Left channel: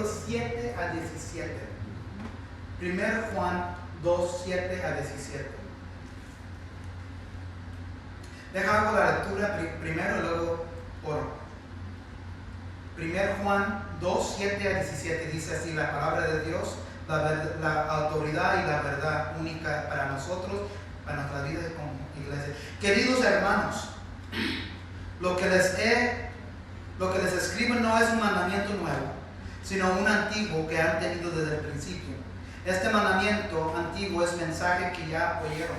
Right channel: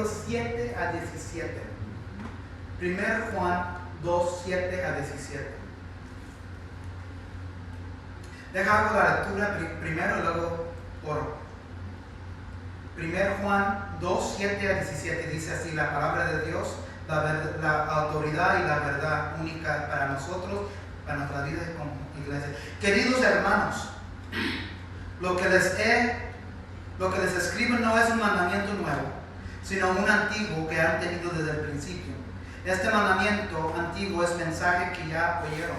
versículos 7 a 17. 1 Juan 2, 7 a 17. Deja hago la lectura primero y luego oro. 1 Juan 2, 7 a 17 dice así la palabra de Dios, la autoridad y la verdad única para nosotros, para nuestras vidas como iglesia. Queridos hermanos, lo que les escribo no es un mandamiento nuevo, sino un antiguo que han tenido desde el principio. Este mandamiento antiguo es mensaje que ya oyeron.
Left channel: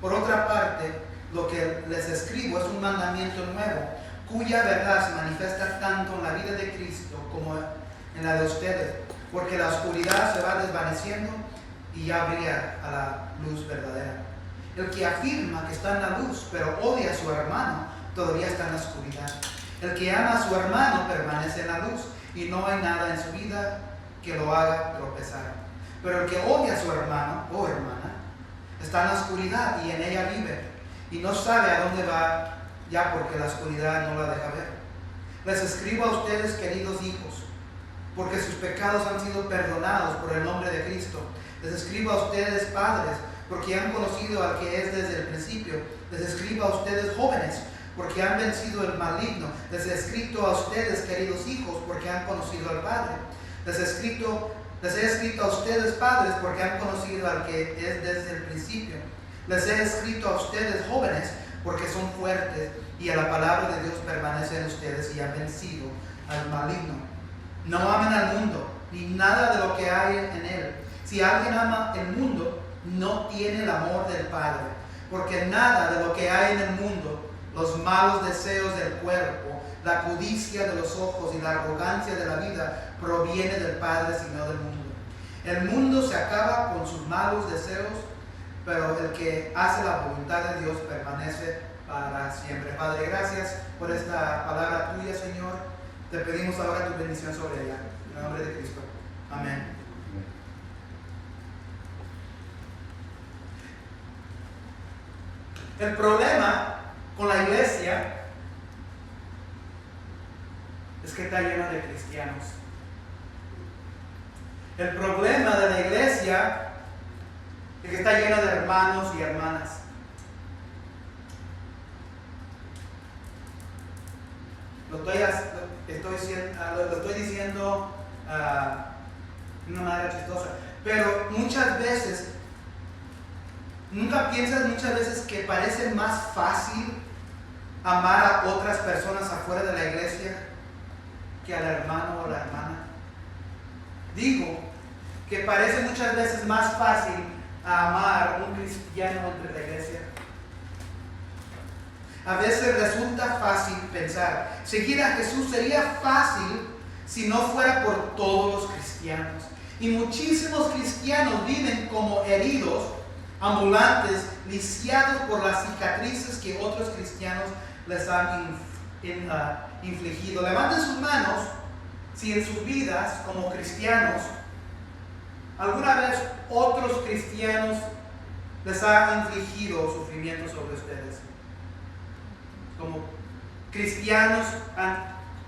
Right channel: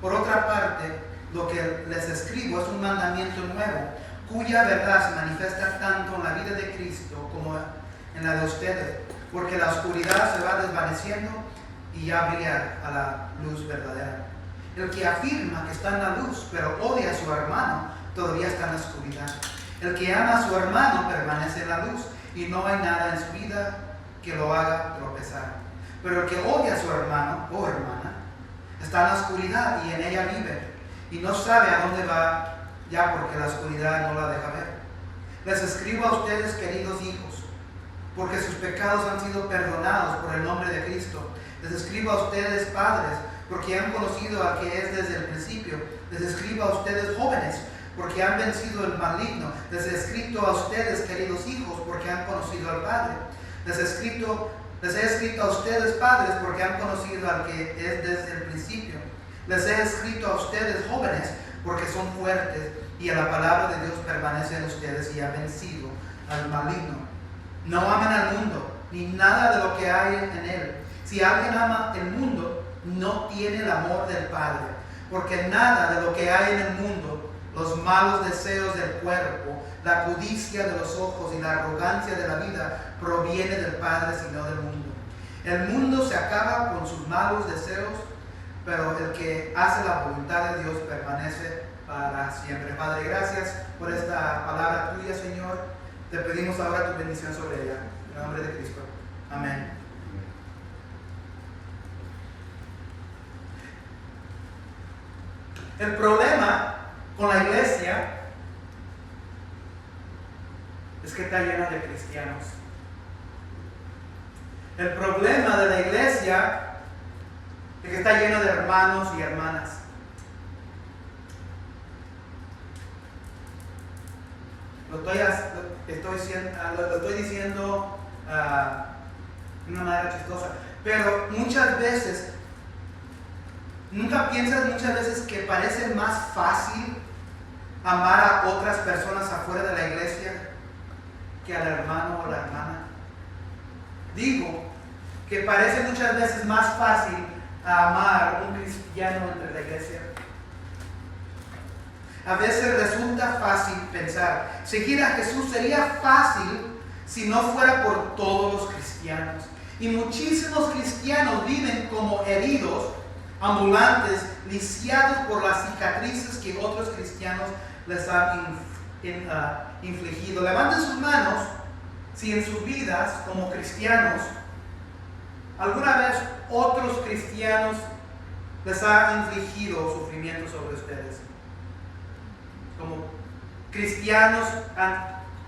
Por otra parte, lo que les escribo es un mandamiento nuevo, cuya verdad se manifiesta tanto en la vida de Cristo como en la de ustedes, porque la oscuridad se va desvaneciendo y ya brilla a la luz verdadera. El que afirma que está en la luz, pero odia a su hermano, todavía está en la oscuridad. El que ama a su hermano permanece en la luz, y no hay nada en su vida que lo haga tropezar. Pero el que odia a su hermano o hermana está en la oscuridad y en ella vive, y no sabe a dónde va, ya porque la oscuridad no la deja ver. Les escribo a ustedes, queridos hijos, porque sus pecados han sido perdonados por el nombre de Cristo. Les escribo a ustedes, padres, porque han conocido al que es desde el principio. Les escribo a ustedes, jóvenes, porque han vencido el maligno. Les he escrito a ustedes, queridos hijos, porque han conocido al Padre. Les he escrito a ustedes, padres, porque han conocido al que es desde el principio. Les he escrito a ustedes, jóvenes, porque son fuertes y a la palabra de Dios permanece en ustedes y han vencido al maligno. No amen al mundo, ni nada de lo que hay en él. Si alguien ama el mundo, no tiene el amor del Padre, porque nada de lo que hay en el mundo, los malos deseos del cuerpo, la codicia de los ojos y la arrogancia de la vida, proviene del Padre, sino del mundo. El mundo se acaba con sus malos deseos, pero el que hace la voluntad de Dios permanece para siempre. Padre, gracias por esta palabra tuya, Señor. Te pedimos ahora tu bendición sobre ella. En el nombre de Cristo. Amén. El problema con la iglesia es que está llena de cristianos. El problema de la iglesia es que está llena de hermanos y hermanas. Lo estoy diciendo de una manera chistosa, pero muchas veces, ¿nunca piensas muchas veces que parece más fácil amar a otras personas afuera de la iglesia que al hermano o la hermana? Digo que parece muchas veces más fácil amar a un cristiano entre la iglesia. A veces resulta fácil pensar, seguir a Jesús sería fácil si no fuera por todos los cristianos. Y muchísimos cristianos viven como heridos, ambulantes, lisiados por las cicatrices que otros cristianos les han infligido. Levanten sus manos si en sus vidas como cristianos alguna vez otros cristianos les han infligido sufrimiento sobre ustedes. Como cristianos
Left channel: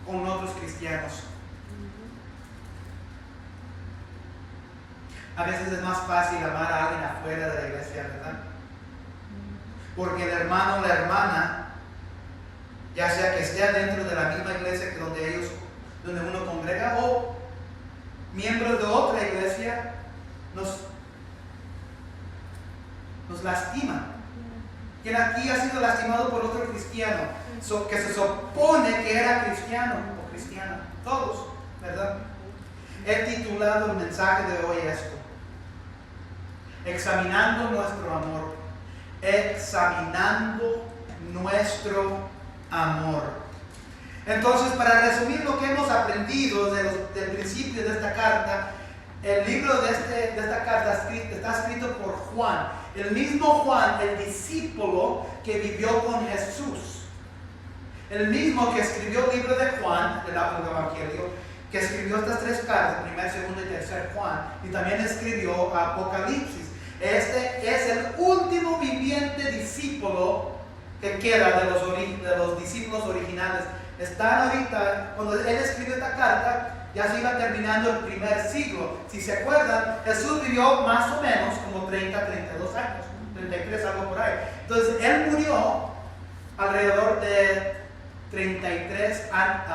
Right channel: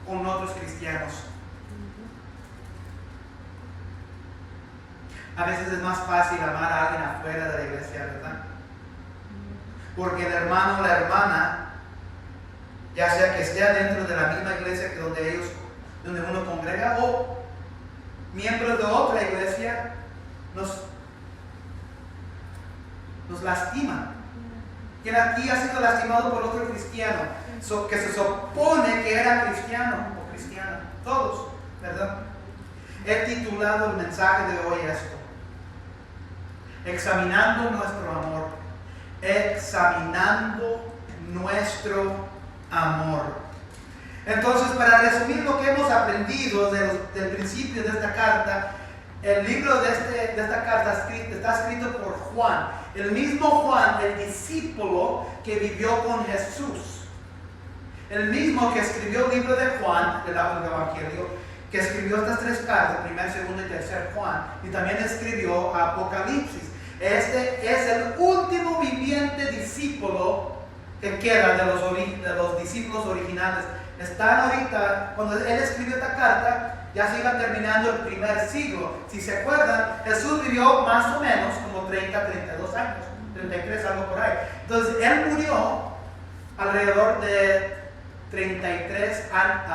con otros cristianos. A veces es más fácil amar a alguien afuera de la iglesia, ¿verdad? Porque el hermano o la hermana, ya sea que esté dentro de la misma iglesia que donde uno congrega, o miembros de otra iglesia, nos lastiman. Quien aquí ha sido lastimado por otro cristiano, que se supone que era cristiano o cristiana, todos, ¿verdad? He titulado el mensaje de hoy esto: examinando nuestro amor. Examinando nuestro amor. Entonces, para resumir lo que hemos aprendido del principio de esta carta, el libro de esta carta está escrito por Juan, el mismo Juan, el discípulo que vivió con Jesús, el mismo que escribió el libro de Juan, el Evangelio, que escribió estas tres cartas, 1, 2 y 3 Juan, y también escribió Apocalipsis. Este es el último viviente discípulo que queda de los discípulos originales. Están ahorita, cuando él escribió esta carta, ya se iba terminando el primer siglo. Si se acuerdan, Jesús vivió más o menos como 32 años, 33, algo por ahí. Entonces, él murió alrededor de 33 AD.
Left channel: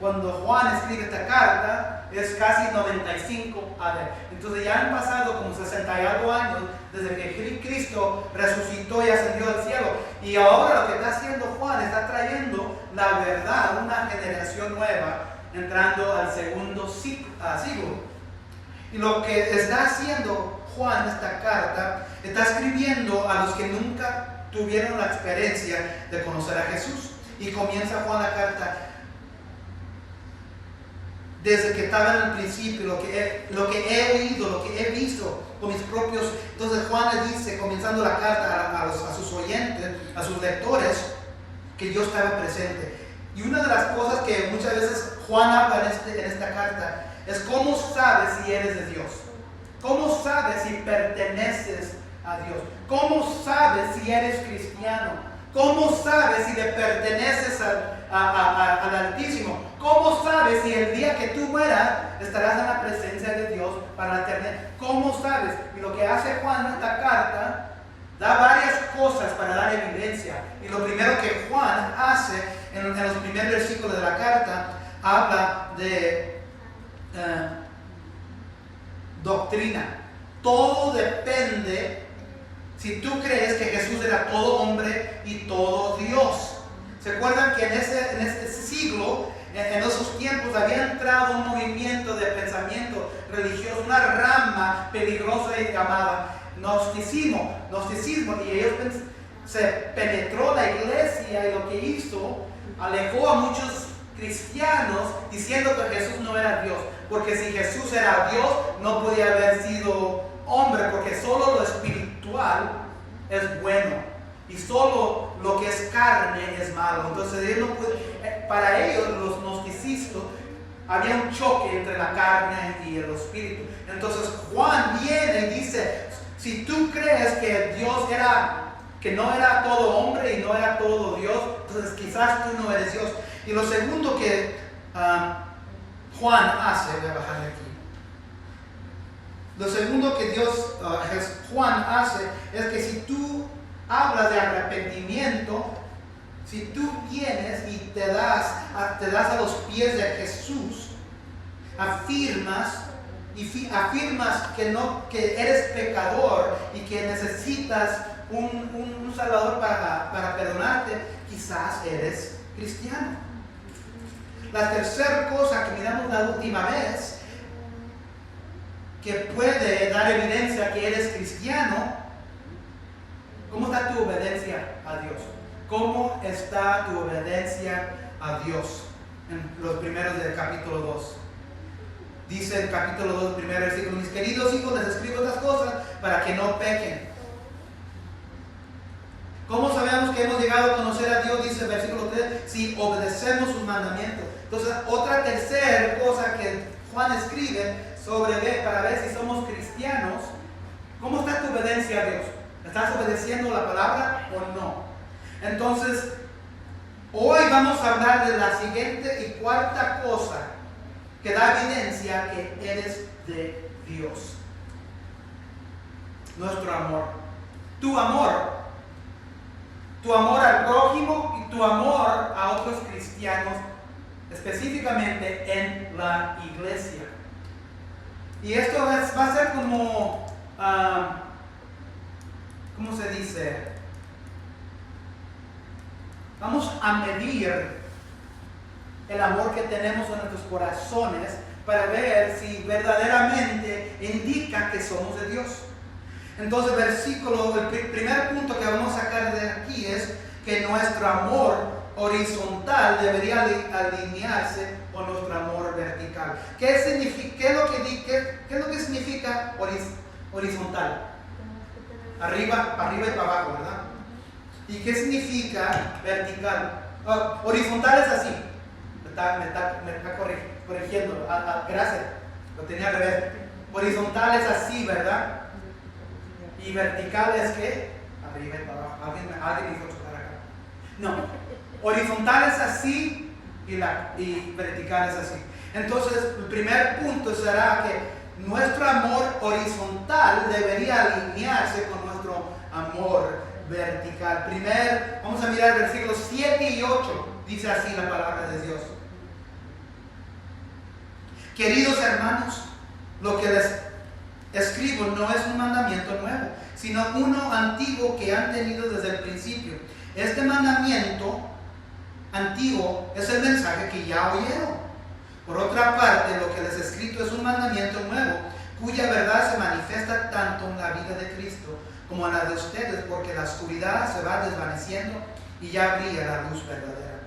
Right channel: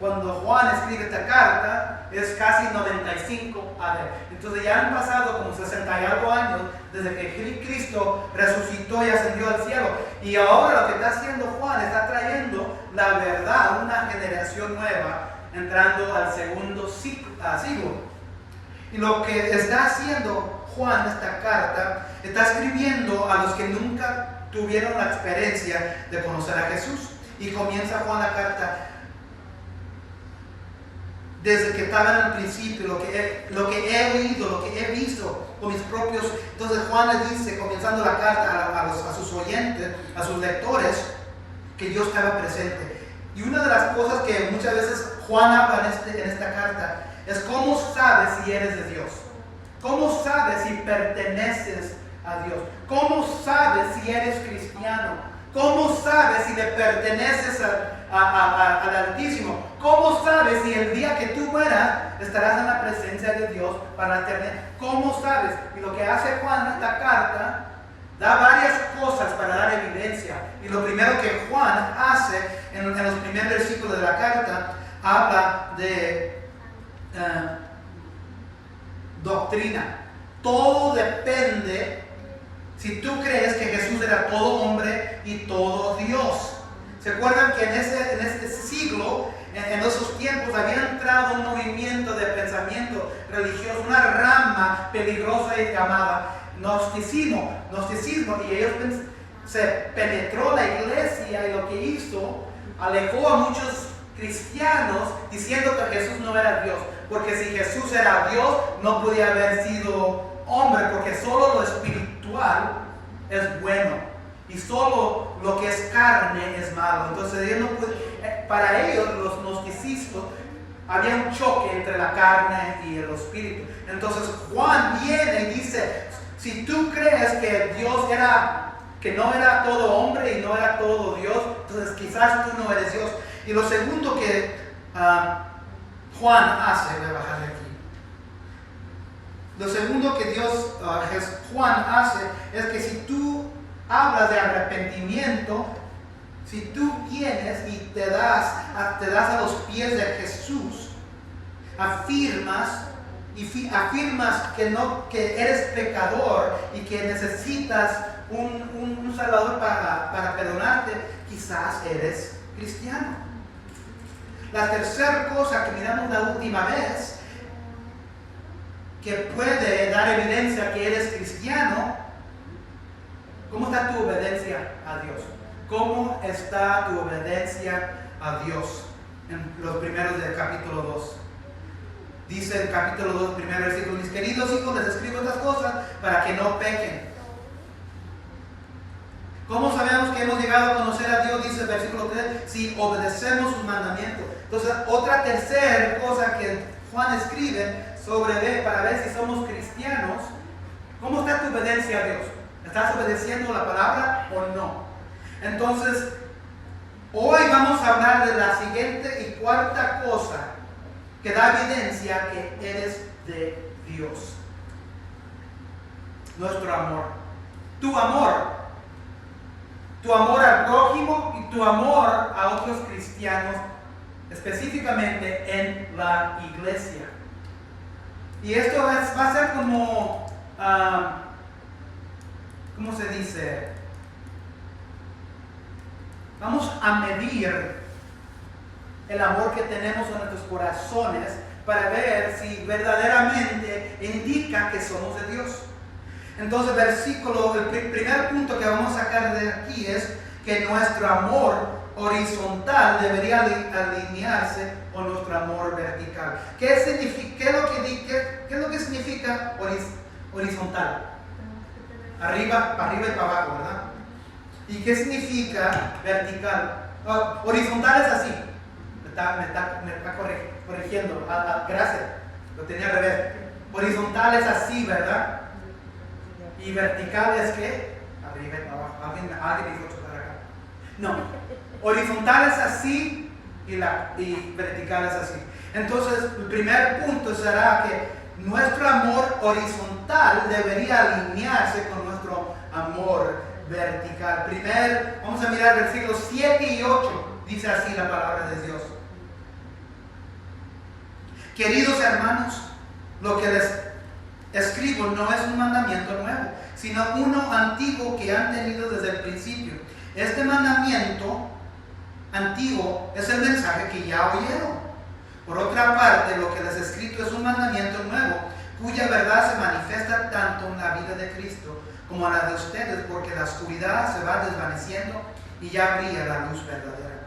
Cuando Juan escribe esta carta, es casi 95 AD. Entonces ya han pasado como 60 y algo años desde que Cristo resucitó y ascendió al cielo. Y ahora lo que está haciendo Juan, está trayendo la verdad, una generación nueva, entrando al segundo siglo. Y lo que está haciendo Juan, esta carta, está escribiendo a los que nunca tuvieron la experiencia de conocer a Jesús. Y comienza Juan la carta desde que estaba en el principio, lo que he oído, lo que he visto con mis propios. Entonces Juan le dice, comenzando la carta a sus oyentes, a sus lectores, que Dios estaba presente. Y una de las cosas que muchas veces Juan habla en esta carta es cómo sabes si eres de Dios, cómo sabes si perteneces a Dios, cómo sabes si eres cristiano, cómo sabes si le perteneces al Altísimo, cómo sabes si el día que tú mueras estarás en la presencia de Dios para la eternidad. ¿Cómo sabes? Y lo que hace Juan en esta carta da varias cosas para dar evidencia. Y lo primero que Juan hace en los primeros versículos de la carta, habla de doctrina. Todo depende si tú crees que Jesús era todo hombre y todo Dios. ¿Se acuerdan que en este siglo, en esos tiempos, había entrado un movimiento de pensamiento religioso, una rama peligrosa llamada gnosticismo, y ellos se penetró la iglesia, y lo que hizo, alejó a muchos cristianos diciendo que Jesús no era Dios, porque si Jesús era Dios no podía haber sido hombre, porque solo lo espiritual es bueno y solo lo que es carne es malo. Entonces ellos no para ellos, los gnosticistas, había un choque entre la carne y el espíritu. Entonces Juan viene y dice, si tú crees que Dios que no era todo hombre y no era todo Dios, entonces quizás tú no eres Dios. Y lo segundo que Juan hace, voy a bajarle aquí. Lo segundo que Juan hace es que si tú hablas de arrepentimiento, si tú vienes y te das a los pies de Jesús, afirmas que eres pecador y que necesitas un Salvador para perdonarte, quizás eres cristiano. La tercera cosa que miramos la última vez, que puede dar evidencia que eres cristiano, ¿cómo está tu obediencia a Dios? ¿Cómo está tu obediencia a Dios? En los primeros del capítulo 2. Dice el capítulo 2, primer versículo: mis queridos hijos, les escribo estas cosas para que no pequen. ¿Cómo sabemos que hemos llegado a conocer a Dios? Dice el versículo 3, si obedecemos sus mandamientos. Entonces, otra tercera cosa que Juan escribe para ver si somos cristianos, ¿cómo está tu obediencia a Dios? ¿Estás obedeciendo la palabra o no? Entonces, hoy vamos a hablar de la siguiente y cuarta cosa que da evidencia que eres de Dios. Nuestro amor. Tu amor al prójimo y tu amor a otros cristianos, específicamente en la iglesia. Y esto va a ser como, ¿cómo se dice? Vamos a medir el amor que tenemos en nuestros corazones para ver si verdaderamente indica que somos de Dios. Entonces, el primer punto que vamos a sacar de aquí es que nuestro amor horizontal debería alinearse con nuestro amor vertical. ¿Qué es lo que significa horizontal? Para arriba y para abajo, ¿verdad? ¿Y qué significa vertical? Horizontal es así. Me está corrigiendo. Gracias. Lo tenía al revés. Horizontal es así, ¿verdad? Y vertical es que arriba y para abajo. Alguien dijo chutar acá. No. Horizontal es así y vertical es así. Entonces, el primer punto será que nuestro amor horizontal debería alinearse con nuestro amor vertical. Vamos a mirar versículos 7 y 8. Dice así la palabra de Dios. Queridos hermanos, lo que les escribo no es un mandamiento nuevo, sino uno antiguo que han tenido desde el principio. Este mandamiento antiguo es el mensaje que ya oyeron. Por otra parte, lo que les he escrito es un mandamiento nuevo, cuya verdad se manifiesta tanto en la vida de Cristo como en la de ustedes, porque la oscuridad se va desvaneciendo y ya brilla la luz verdadera.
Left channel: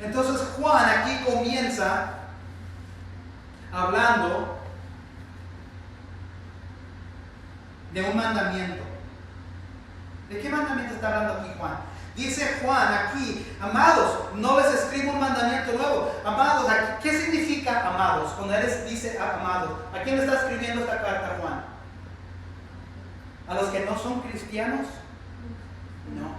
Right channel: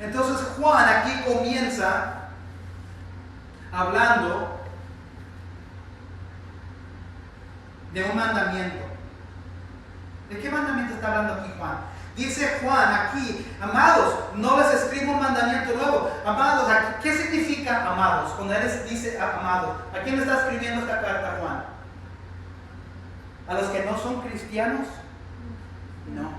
Entonces Juan aquí comienza hablando de un mandamiento. ¿De qué mandamiento está hablando aquí Juan? Dice Juan aquí, amados, no les escribo un mandamiento nuevo. Amados, ¿qué significa amados? Cuando él dice amados, ¿a quién le está escribiendo esta carta Juan? ¿A los que no son cristianos? No.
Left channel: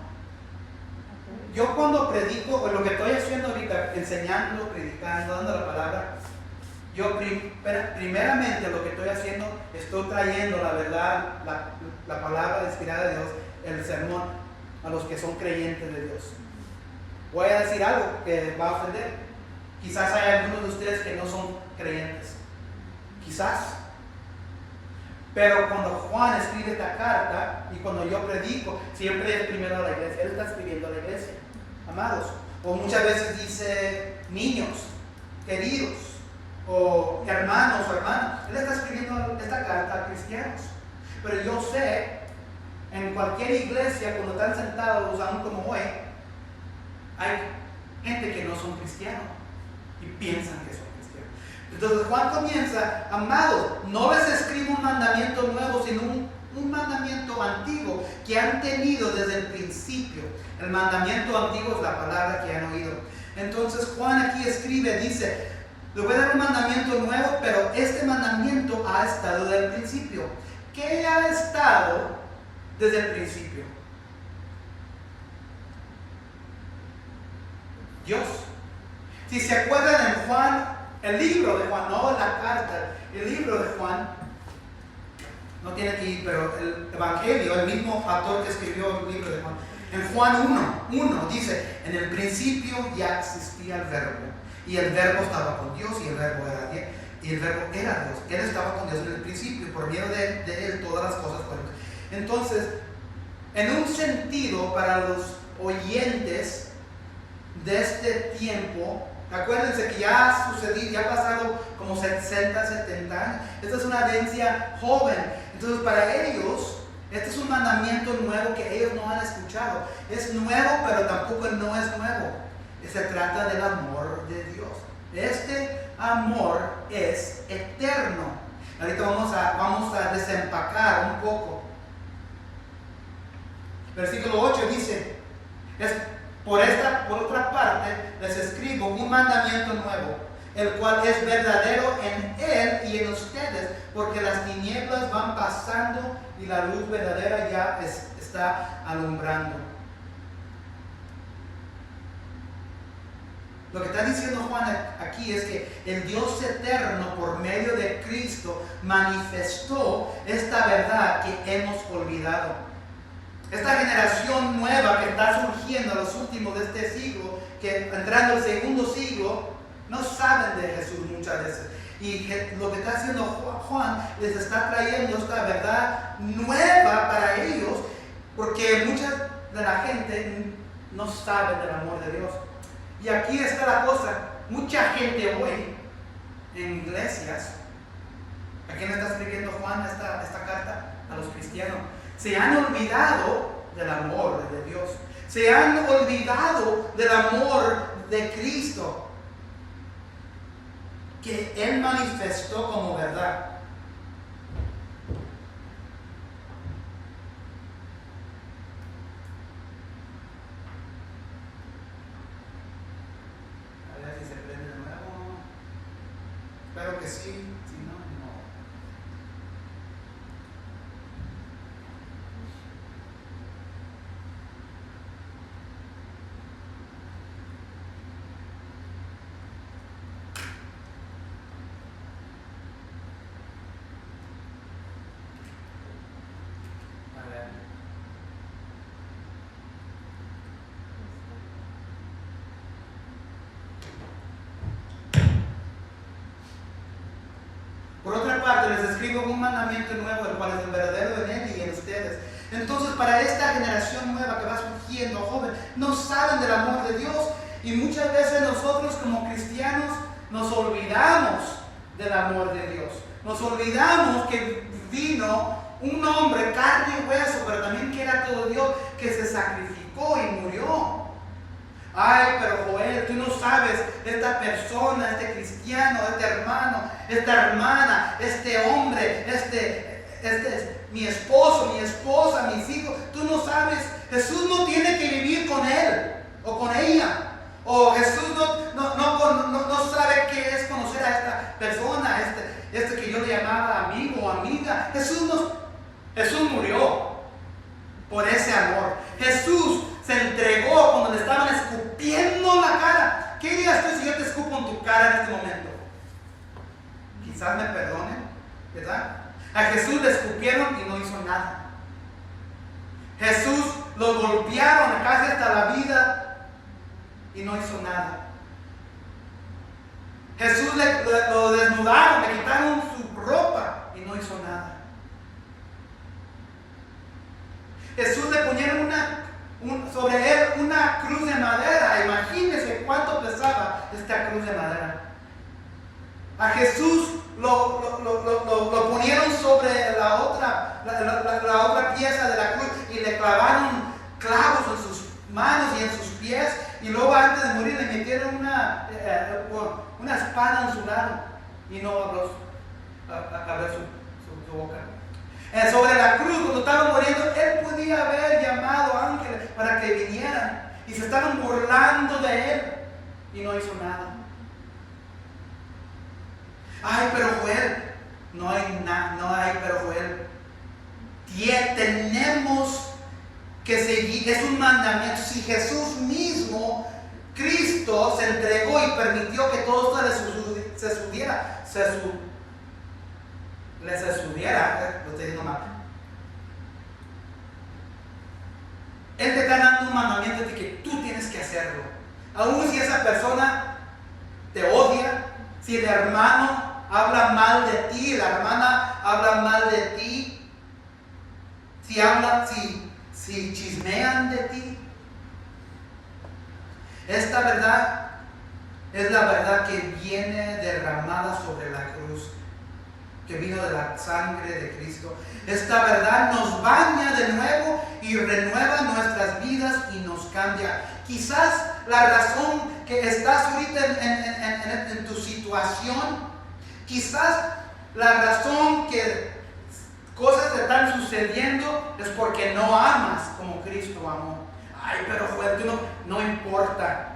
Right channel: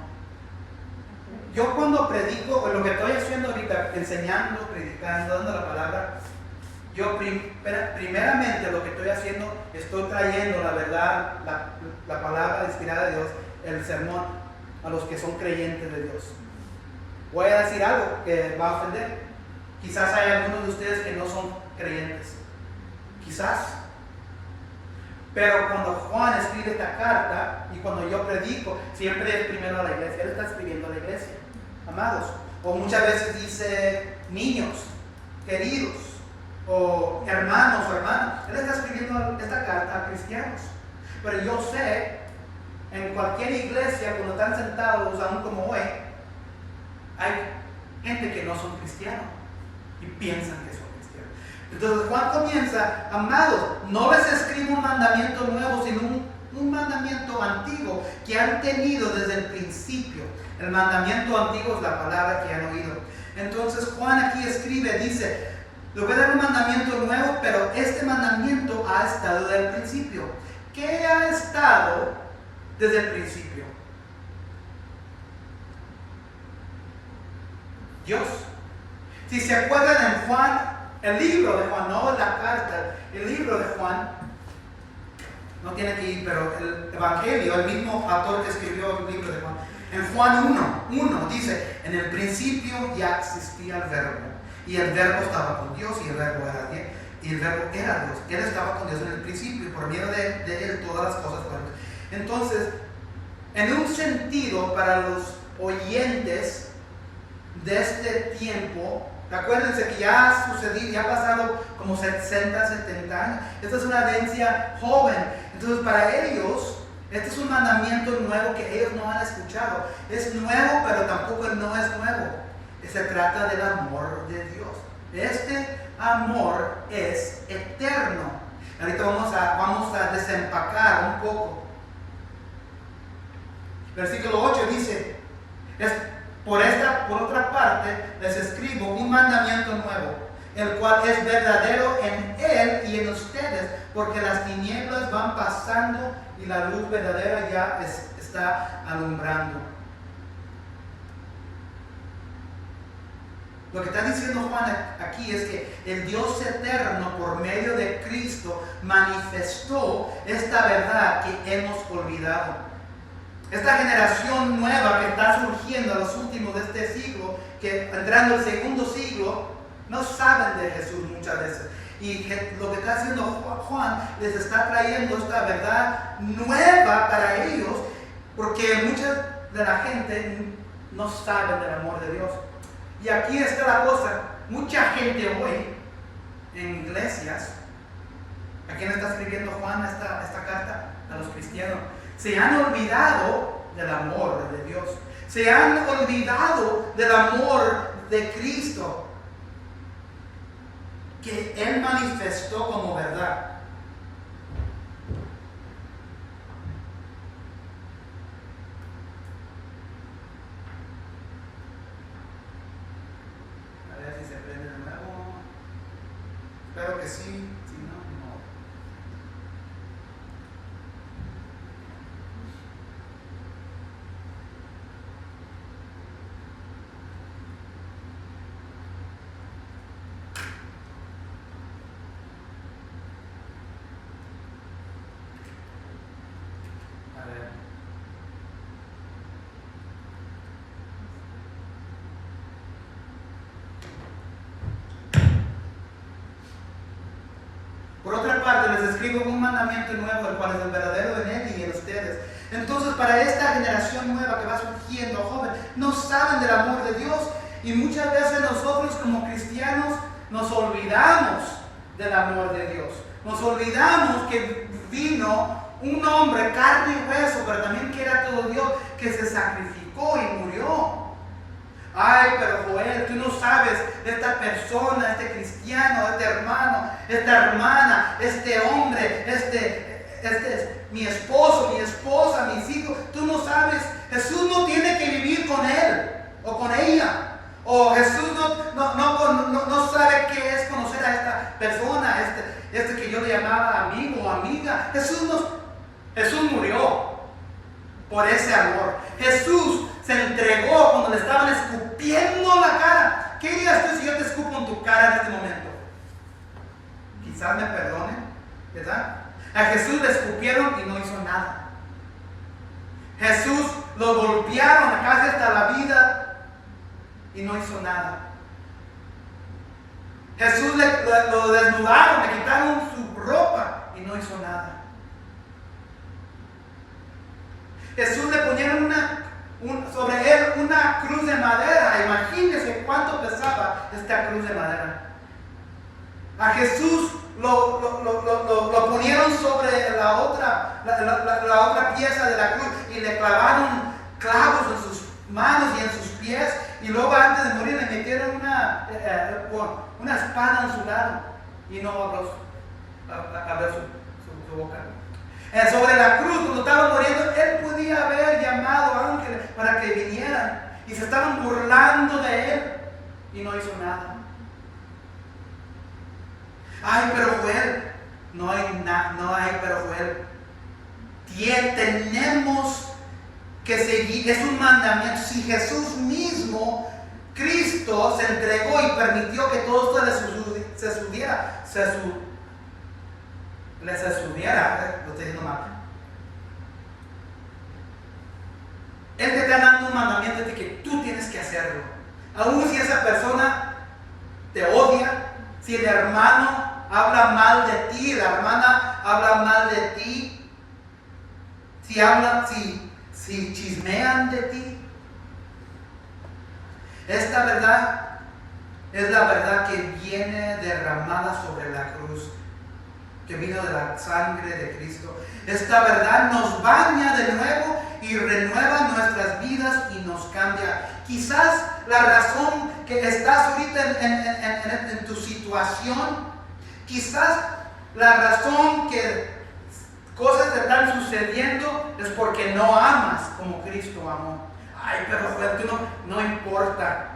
Yo cuando predico, o lo que estoy haciendo ahorita, enseñando, predicando, dando la palabra, yo primeramente lo que estoy haciendo, estoy trayendo la verdad, la palabra inspirada de Dios, el sermón, a los que son creyentes de Dios. Voy a decir algo que va a ofender. Quizás hay algunos de ustedes que no son creyentes. Quizás. Pero cuando Juan escribe esta carta y cuando yo predico, siempre es primero a la iglesia. Él está escribiendo a la iglesia. Amados. O muchas veces dice niños, queridos, o hermanos o hermanas. Él está escribiendo esta carta a cristianos. Pero yo sé, en cualquier iglesia, cuando están sentados, aún como hoy, hay gente que no son cristianos y piensan que son cristianos. Entonces Juan comienza, amados, no les escribo un mandamiento nuevo, sino un mandamiento antiguo que han tenido desde el principio. El mandamiento antiguo es la palabra que han oído. Entonces Juan aquí escribe, dice, le voy a dar un mandamiento nuevo, pero este mandamiento ha estado desde el principio. ¿Qué ha estado desde el principio? Dios. Si se acuerdan en Juan, el libro de Juan, no la carta, el libro de Juan, no tiene que ir, pero el Evangelio, el mismo autor que escribió el libro de Juan, en Juan 1 dice, en el principio ya existía el verbo, y el verbo estaba con Dios, y el verbo era Dios, y el verbo era Dios. Él estaba con Dios en el principio, y por medio de él todas las cosas fueron. Entonces, en un sentido, para los oyentes de este tiempo, acuérdense que ya ha sucedido, ya ha pasado como 60, 70 años. Esta es una audiencia joven. Entonces, para ellos, este es un mandamiento nuevo que ellos no han escuchado. Es nuevo, pero tampoco no es nuevo. Se trata del amor de Dios. Este amor es eterno. Ahorita vamos a desempacar un poco. Versículo 8 dice, por otra parte, les escribo un mandamiento nuevo, el cual es verdadero en él y en ustedes, porque las tinieblas van pasando y la luz verdadera ya está alumbrando. Lo que está diciendo Juan aquí es que el Dios eterno, por medio de Cristo, manifestó esta verdad que hemos olvidado. Esta generación nueva que está surgiendo a los últimos de este siglo, que entrando al segundo siglo, no saben de Jesús muchas veces. Y lo que está haciendo Juan, les está trayendo esta verdad nueva para ellos, porque mucha de la gente no sabe del amor de Dios. Y aquí está la cosa, mucha gente hoy en iglesias, ¿a quién le está escribiendo Juan esta carta? A los cristianos. Se han olvidado del amor de Dios. Se han olvidado del amor de Cristo, que Él manifestó como verdad. A ver si se prende de nuevo. Espero que sí. Si no, no. parte, les escribo un mandamiento nuevo, el cual es el verdadero en él y en ustedes. Entonces, para esta generación nueva que va surgiendo, joven, no saben del amor de Dios. Y muchas veces nosotros como cristianos nos olvidamos del amor de Dios. Nos olvidamos que vino un hombre, carne y hueso, pero también que era todo Dios, que se sacrificó y murió. Ay, pero Joel, tú no sabes, esta persona, este cristiano, este hermano, esta hermana, este hombre, mi esposo, mi esposa, mis hijos, tú no sabes, Jesús no tiene que vivir con él o con ella. O Jesús no sabe qué es conocer a esta persona, este que yo le llamaba amigo o amiga. Jesús murió por ese amor. Jesús se entregó cuando le estaban escupiendo la cara. ¿Qué dirías tú si yo te escupo en tu cara en este momento? Quizás me perdonen, ¿verdad? A Jesús le escupieron y no hizo nada. Jesús lo golpearon casi hasta la vida y no hizo nada. Jesús lo desnudaron, le quitaron su ropa y no hizo nada. Jesús le ponieron sobre él una cruz de madera. Imagínense cuánto pesaba esta cruz de madera. A Jesús lo ponieron sobre la otra pieza de la cruz y le clavaron clavos en sus manos y en sus pies, y luego antes de morir le metieron una espada en su lado y no abrió su boca. Sobre la cruz, cuando estaba muriendo, él podía haber llamado ángeles para que vinieran, y se estaban burlando de él y no hizo nada. Ay, pero Joel, no hay, pero Joel, tenemos que seguir, es un mandamiento. Si Jesús mismo, Cristo, se entregó y permitió que todo esto se subiera, lo estoy diciendo mal. Él te está dando un mandamiento de que tú tienes que hacerlo. Aún si esa persona te odia, si el hermano habla mal de ti, la hermana habla mal de ti, si chismean de ti. Esta verdad es la verdad que viene derramada sobre la cruz, que vino de la sangre de Cristo. Esta verdad nos baña de nuevo y renueva nuestras vidas y nos cambia. Quizás la razón que estás ahorita en tu situación, quizás la razón que cosas te están sucediendo es porque no amas como Cristo amó. Ay, pero Joel, no importa.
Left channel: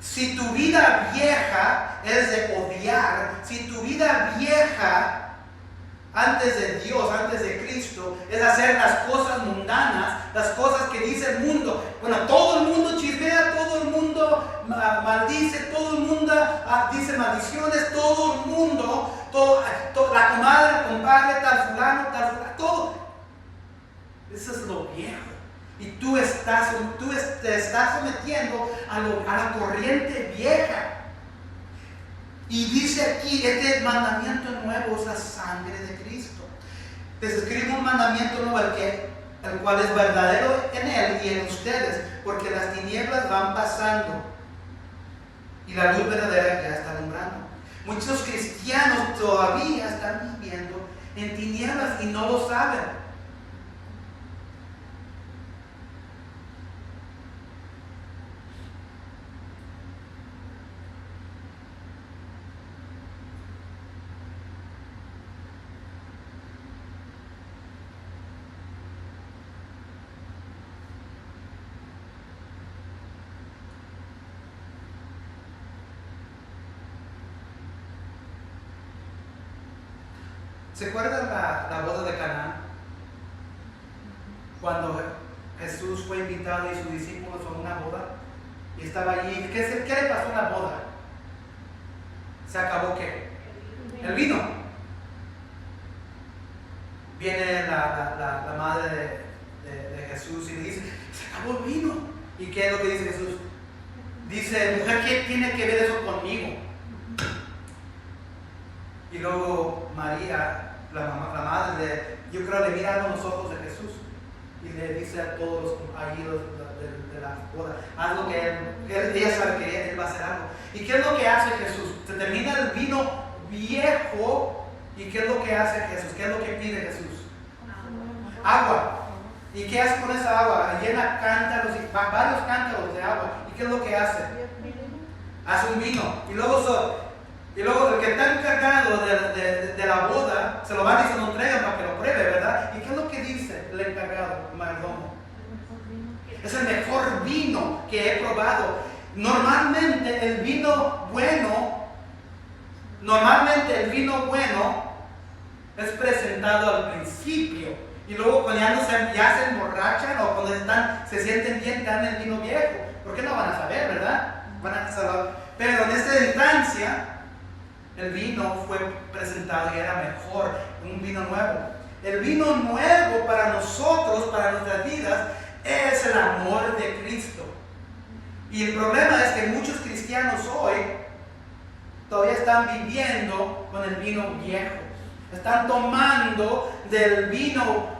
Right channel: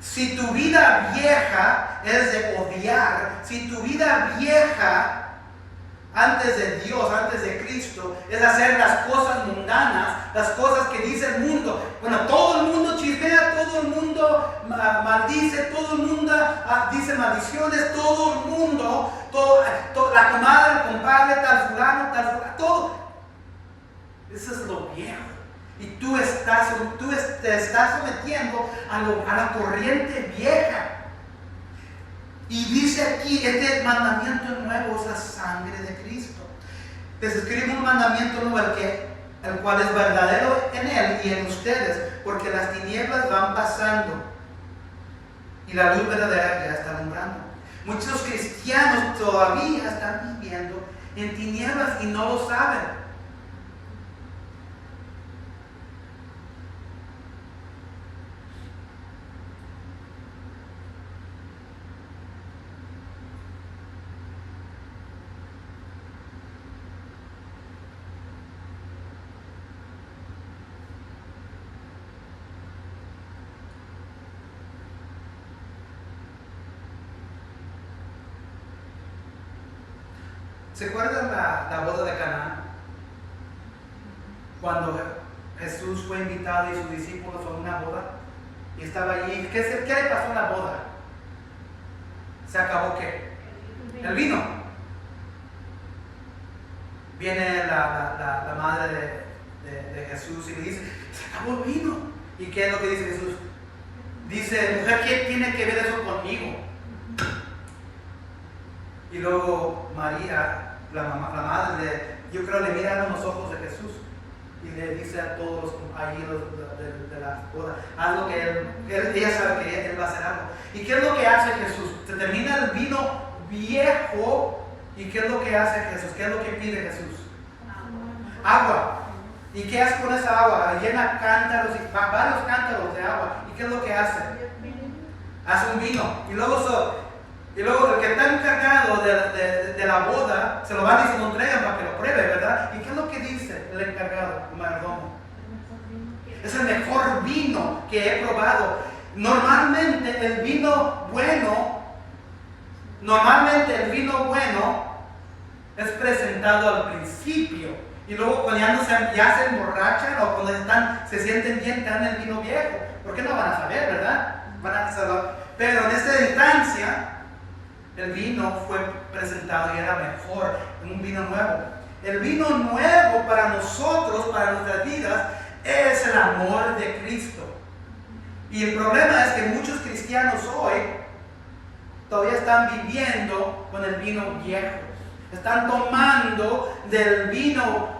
Si tu vida vieja es de odiar, si tu vida vieja antes de Dios, antes de Cristo, es hacer las cosas mundanas, las cosas que dice el mundo. Bueno, todo el mundo chismea, todo el mundo maldice, todo el mundo dice maldiciones, todo el mundo, la comadre, el compadre, tal fulano, todo. Eso es lo viejo. Y tú te estás sometiendo a la corriente vieja. Y dice aquí, este mandamiento nuevo es la sangre de Cristo. Les escribo un mandamiento nuevo, el cual es verdadero en él y en ustedes, porque las tinieblas van pasando y la luz verdadera ya está alumbrando. Muchos cristianos todavía están viviendo en tinieblas y no lo saben. ¿Se acuerdan la boda de Caná? Cuando Jesús fue invitado y sus discípulos a una boda y estaba allí. ¿Qué le pasó en la boda? ¿Se acabó qué? El vino. Viene la madre de Jesús y le dice, se acabó el vino. ¿Y qué es lo que dice Jesús? Dice, mujer, ¿qué tiene que ver eso conmigo? Y luego María, la madre, yo creo le mira a los ojos de Jesús y le dice a todos los ahí de la boda, haz lo que ella sabe que él va a hacer algo. ¿Y qué es lo que hace Jesús? Se termina el vino viejo. ¿Y qué es lo que hace Jesús? ¿Qué es lo que pide Jesús? Agua. ¿Y qué hace con esa agua? Llena cántaros, varios cántaros de agua. ¿Y qué es lo que hace? Hace un vino. Y luego el que está encargado de la boda, se lo van y se lo entregan para que lo pruebe, ¿verdad? ¿Y qué es lo que dice el encargado, el mayordomo? Es el mejor vino que he probado. Normalmente el vino bueno es presentado al principio. Y luego cuando ya se emborrachan o cuando se sienten bien, dan el vino viejo. ¿Por qué no van a saber, verdad? Pero en esta instancia, el vino fue presentado y era mejor, un vino nuevo. El vino nuevo para nosotros, para nuestras vidas, es el amor de Cristo. Y el problema es que muchos cristianos hoy todavía están viviendo con el vino viejo. Están tomando del vino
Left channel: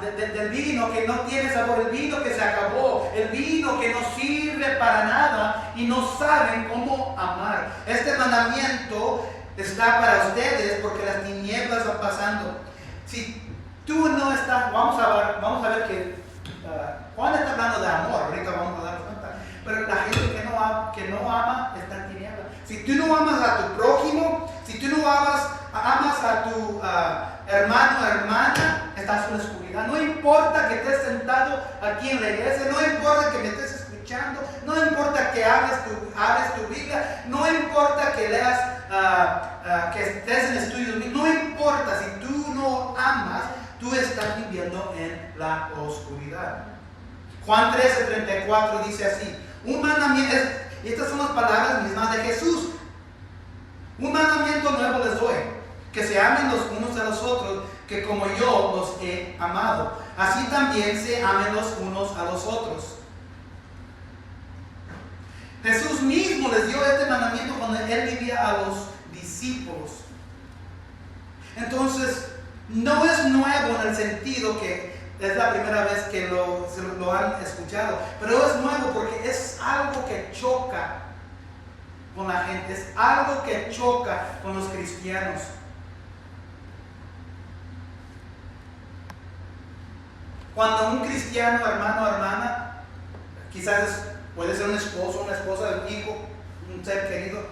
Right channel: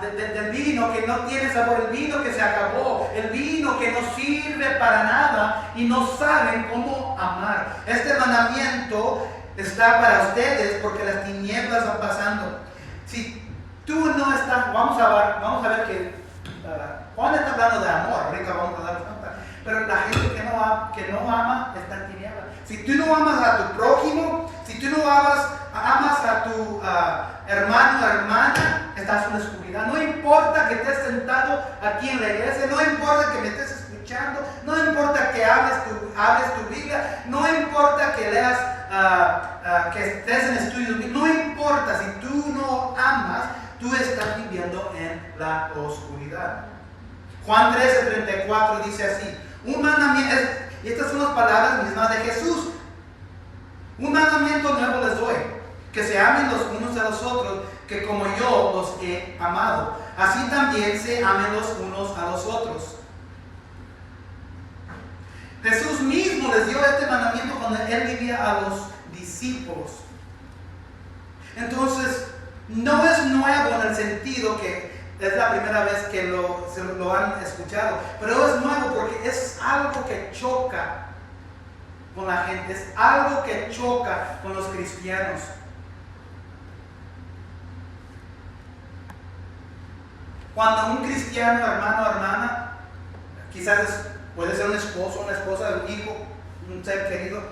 del vino que no tiene sabor, el vino que se acabó, el vino que no sirve para nada y no saben cómo amar. Este mandamiento está para ustedes porque las tinieblas van pasando. Si tú no estás, vamos a ver que Juan está hablando de amor, ahorita vamos a darnos cuenta, pero la gente que no ama está en tinieblas. Si tú no amas a tu prójimo, si tú no amas a tu hermano o hermana, estás en la oscuridad. No importa que estés sentado aquí en la iglesia, no importa que me estés escuchando, no importa que hables tu Biblia, no importa que leas, que estés en estudios, no importa, si tú no amas, tú estás viviendo en la oscuridad. Juan 13:34 dice así, un mandamiento, y estas son las palabras mismas de Jesús. Un mandamiento nuevo les doy, que se amen los unos a los otros, que como yo los he amado, así también se amen los unos a los otros. Jesús mismo les dio este mandamiento cuando él vivía a los discípulos. Entonces, no es nuevo en el sentido que es la primera vez que lo han escuchado, pero es nuevo porque es algo que choca con la gente, es algo que choca con los cristianos. Cuando un cristiano, hermano o hermana, quizás puede ser un esposo, una esposa, un hijo, un ser querido,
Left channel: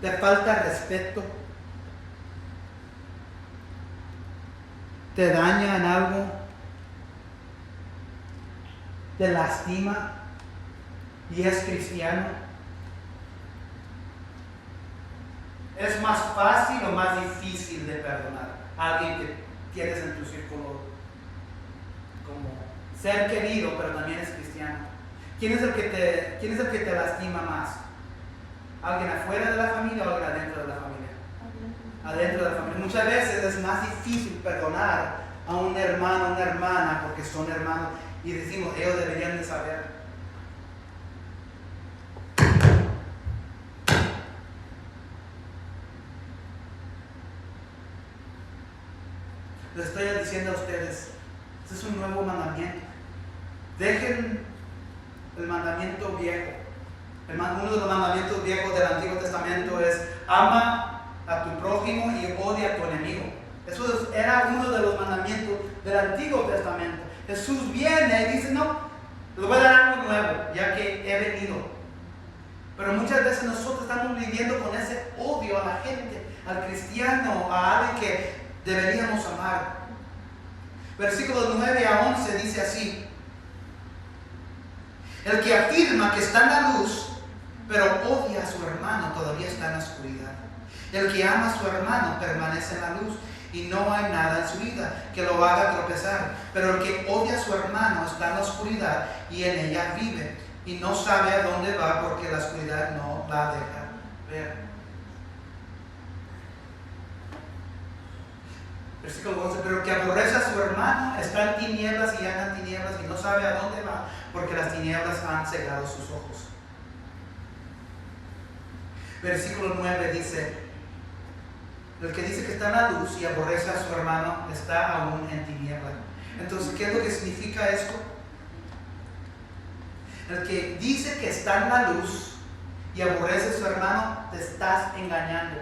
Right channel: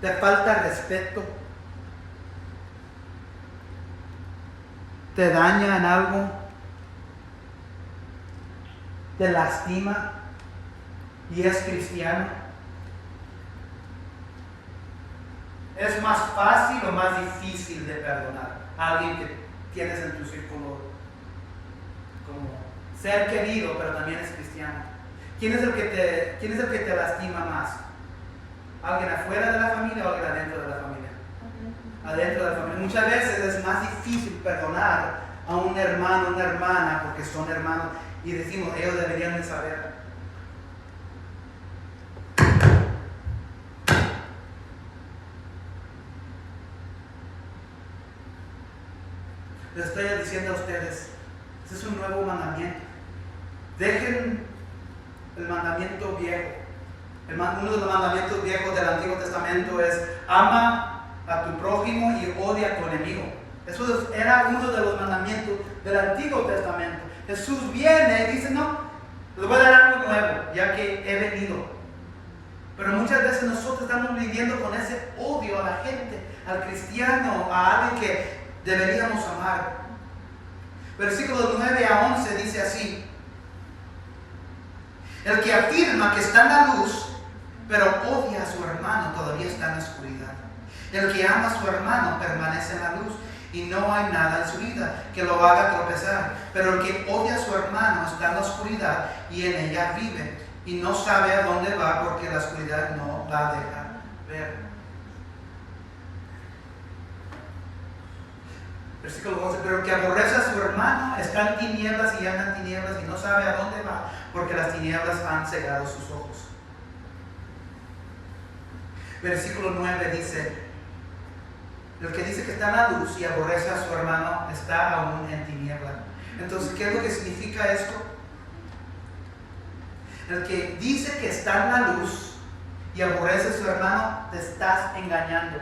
te falta respeto, te daña en algo, te lastima y es cristiano, es más fácil o más difícil de perdonar a alguien que tienes en tu círculo como ser querido, pero también es cristiano? ¿Quién es el que te lastima más? ¿Alguien afuera de la familia o alguien adentro de la familia? Adentro de la familia. Muchas veces es más difícil perdonar a un hermano o una hermana porque son hermanos y decimos, ellos deberían de saber. Les estoy diciendo a ustedes, este es un nuevo mandamiento. Dejen el mandamiento viejo. Uno de los mandamientos viejos del Antiguo Testamento es ama a tu prójimo y odia a tu enemigo. Eso era uno de los mandamientos del Antiguo Testamento. Jesús viene y dice, no, les voy a dar algo nuevo, ya que he venido. Pero muchas veces nosotros estamos viviendo con ese odio a la gente, al cristiano, a alguien que deberíamos amar. Versículos 9 a 11 dice así: el que afirma que está en la luz, pero odia a su hermano, todavía está en la oscuridad. El que ama a su hermano permanece en la luz, y no hay nada en su vida que lo haga tropezar. Pero el que odia a su hermano está en la oscuridad, y en ella vive, y no sabe a dónde va, porque la oscuridad no la deja ver. Versículo 11, pero el que aborrece a su hermano está en tinieblas y anda en tinieblas y no sabe a dónde va, porque las tinieblas han cegado sus ojos. Versículo 9 dice, el que dice que está en la luz y aborrece a su hermano está aún en tiniebla. Entonces, ¿qué es lo que significa esto? El que dice que está en la luz y aborrece a su hermano, te estás engañando.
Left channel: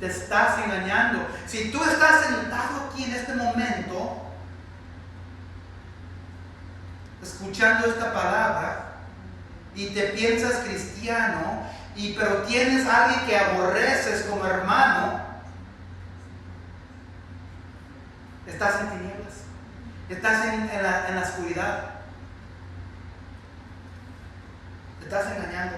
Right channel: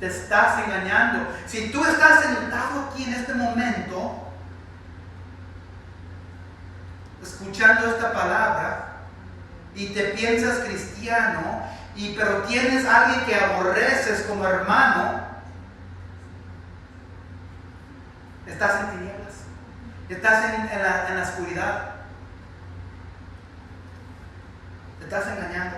Te estás engañando. Si tú estás sentado aquí en este momento, escuchando esta palabra, y te piensas cristiano, pero tienes a alguien que aborreces como hermano, estás en tinieblas, estás en la oscuridad, te estás engañando.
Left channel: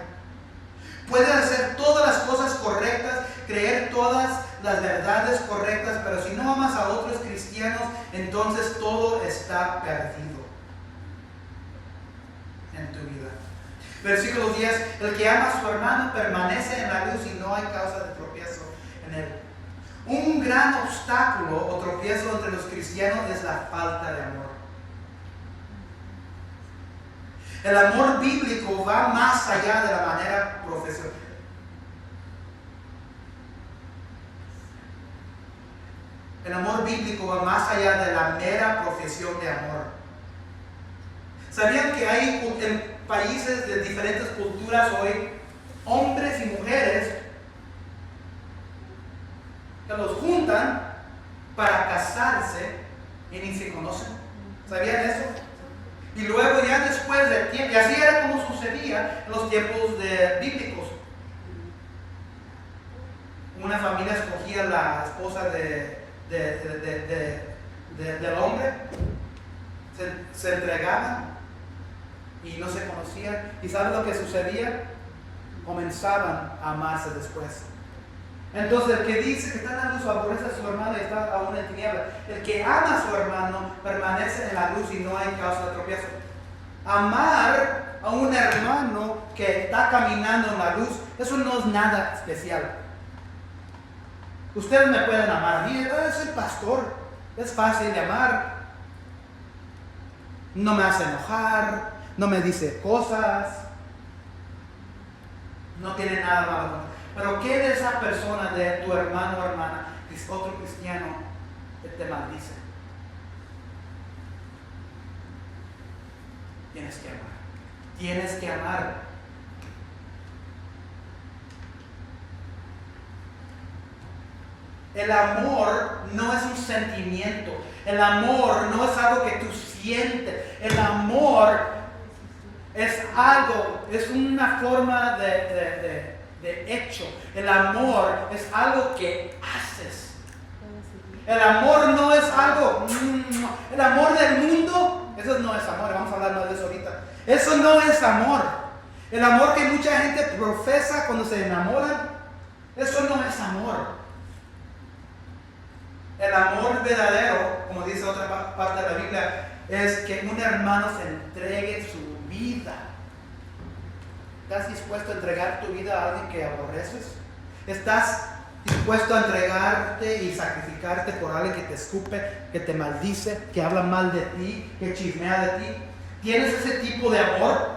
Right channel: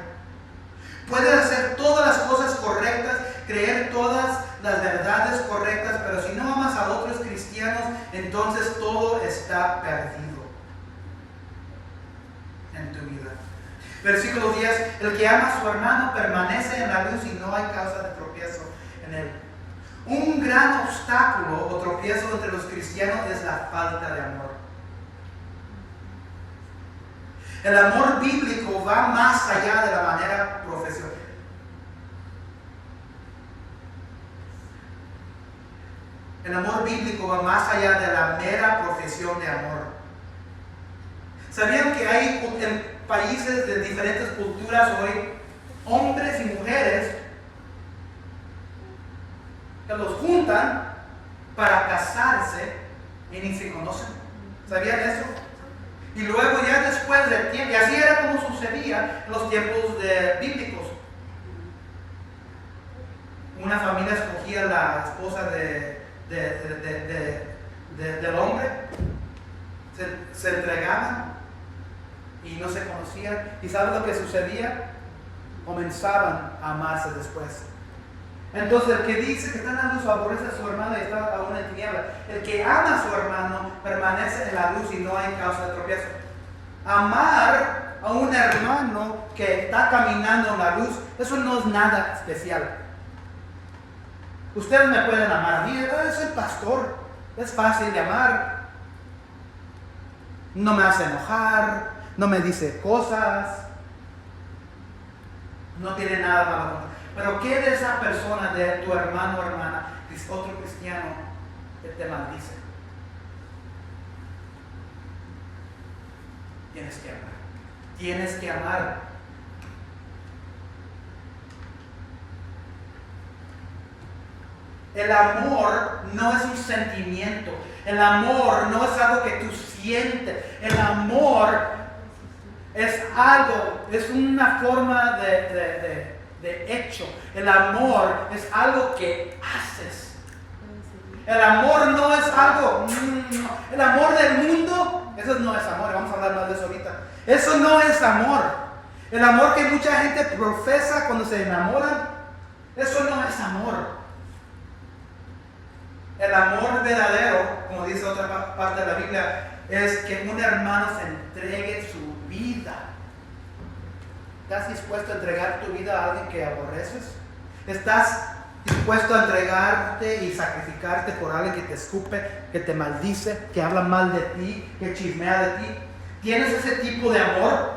Puedes hacer todas las cosas correctas, creer todas las verdades correctas, pero si no amas a otros cristianos, entonces todo está perdido en tu vida. Versículo 10, el que ama a su hermano permanece en la luz y no hay causa de tropiezo en él. Un gran obstáculo o tropiezo entre los cristianos es la falta de amor. El amor bíblico va más allá de la manera profesional. El amor bíblico va más allá de la mera profesión de amor. ¿Sabían que hay en países de diferentes culturas hoy hombres y mujeres que los juntan para casarse y ni se conocen? ¿Sabían eso? Y luego ya después del tiempo, y así era como sucedía en los tiempos bíblicos. Una familia escogía la esposa del hombre, se entregaban y no se conocían. ¿Y saben lo que sucedía? Comenzaban a amarse después. Entonces el que dice que está en la luz aborrece a su hermano y está aún en tiniebla. El que ama a su hermano permanece en la luz y no hay causa de tropiezo. Amar a un hermano que está caminando en la luz, eso no es nada especial. Ustedes me pueden amar a mí, soy pastor, es fácil de amar. No me hace enojar, no me dice cosas, no tiene nada malo contra mí. Pero ¿qué de esa persona, de tu hermano o hermana, que es otro cristiano, que te maldice? Tienes que amar. Tienes que amar. El amor no es un sentimiento. El amor no es algo que tú sientes. El amor es algo, es una forma de hecho. El amor es algo que haces. El amor no es algo. El amor del mundo, eso no es amor. Vamos a hablar más de eso ahorita. Eso no es amor. El amor que mucha gente profesa cuando se enamoran, eso no es amor. El amor verdadero, como dice otra parte de la Biblia, es que un hermano se entregue su vida. ¿Estás dispuesto a entregar tu vida a alguien que aborreces? ¿Estás dispuesto a entregarte y sacrificarte por alguien que te escupe, que te maldice, que habla mal de ti, que chismea de ti? ¿Tienes ese tipo de amor?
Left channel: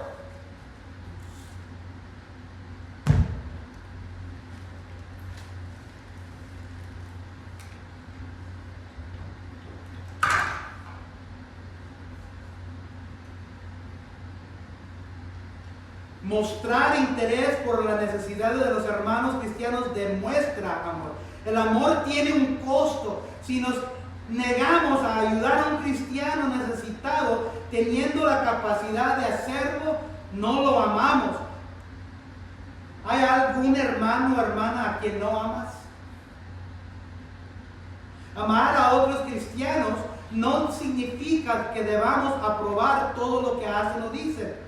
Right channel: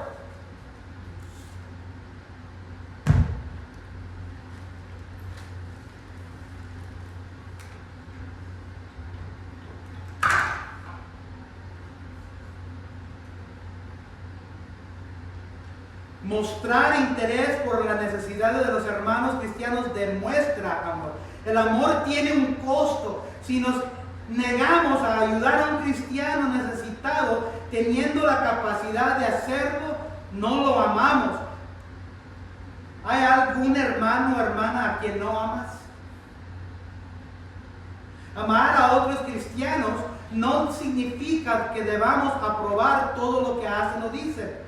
Mostrar interés por las necesidades de los hermanos cristianos demuestra amor. El amor tiene un costo. Si nos negamos a ayudar a un cristiano necesitado, teniendo la capacidad de hacerlo, no lo amamos. ¿Hay algún hermano o hermana a quien no amas? Amar a otros cristianos no significa que debamos aprobar todo lo que hacen o dicen.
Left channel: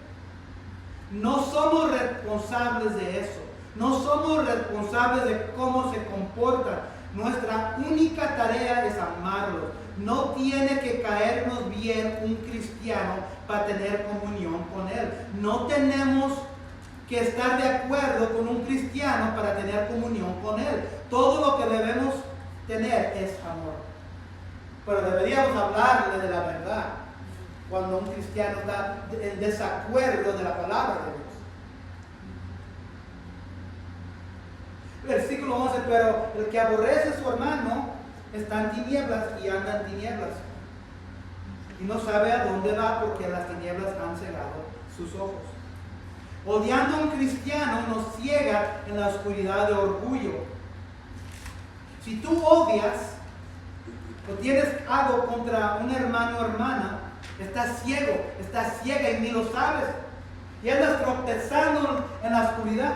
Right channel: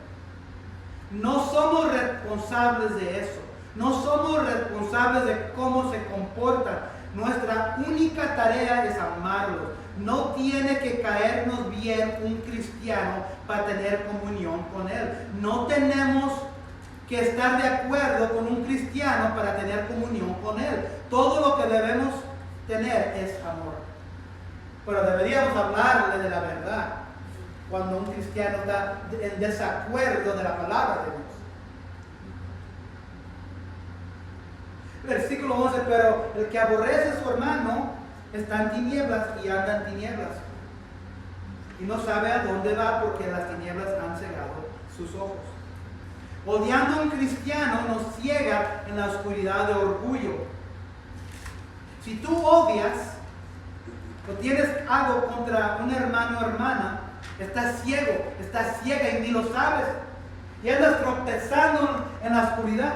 No somos responsables de eso. No somos responsables de cómo se comportan. Nuestra única tarea es amarlos. No tiene que caernos bien un cristiano para tener comunión con él. No tenemos que estar de acuerdo con un cristiano para tener comunión con él. Todo lo que debemos tener es amor. Pero deberíamos hablarle de la verdad cuando un cristiano está en desacuerdo de la palabra de Dios. Versículo 11, pero el que aborrece a su hermano está en tinieblas y anda en tinieblas. Y no sabe a dónde va porque las tinieblas han cegado sus ojos. Odiando a un cristiano nos ciega en la oscuridad de orgullo. Si tú odias o tienes algo contra un hermano o hermana, estás ciego, estás ciega y ni lo sabes. Y andas tropezando en la oscuridad.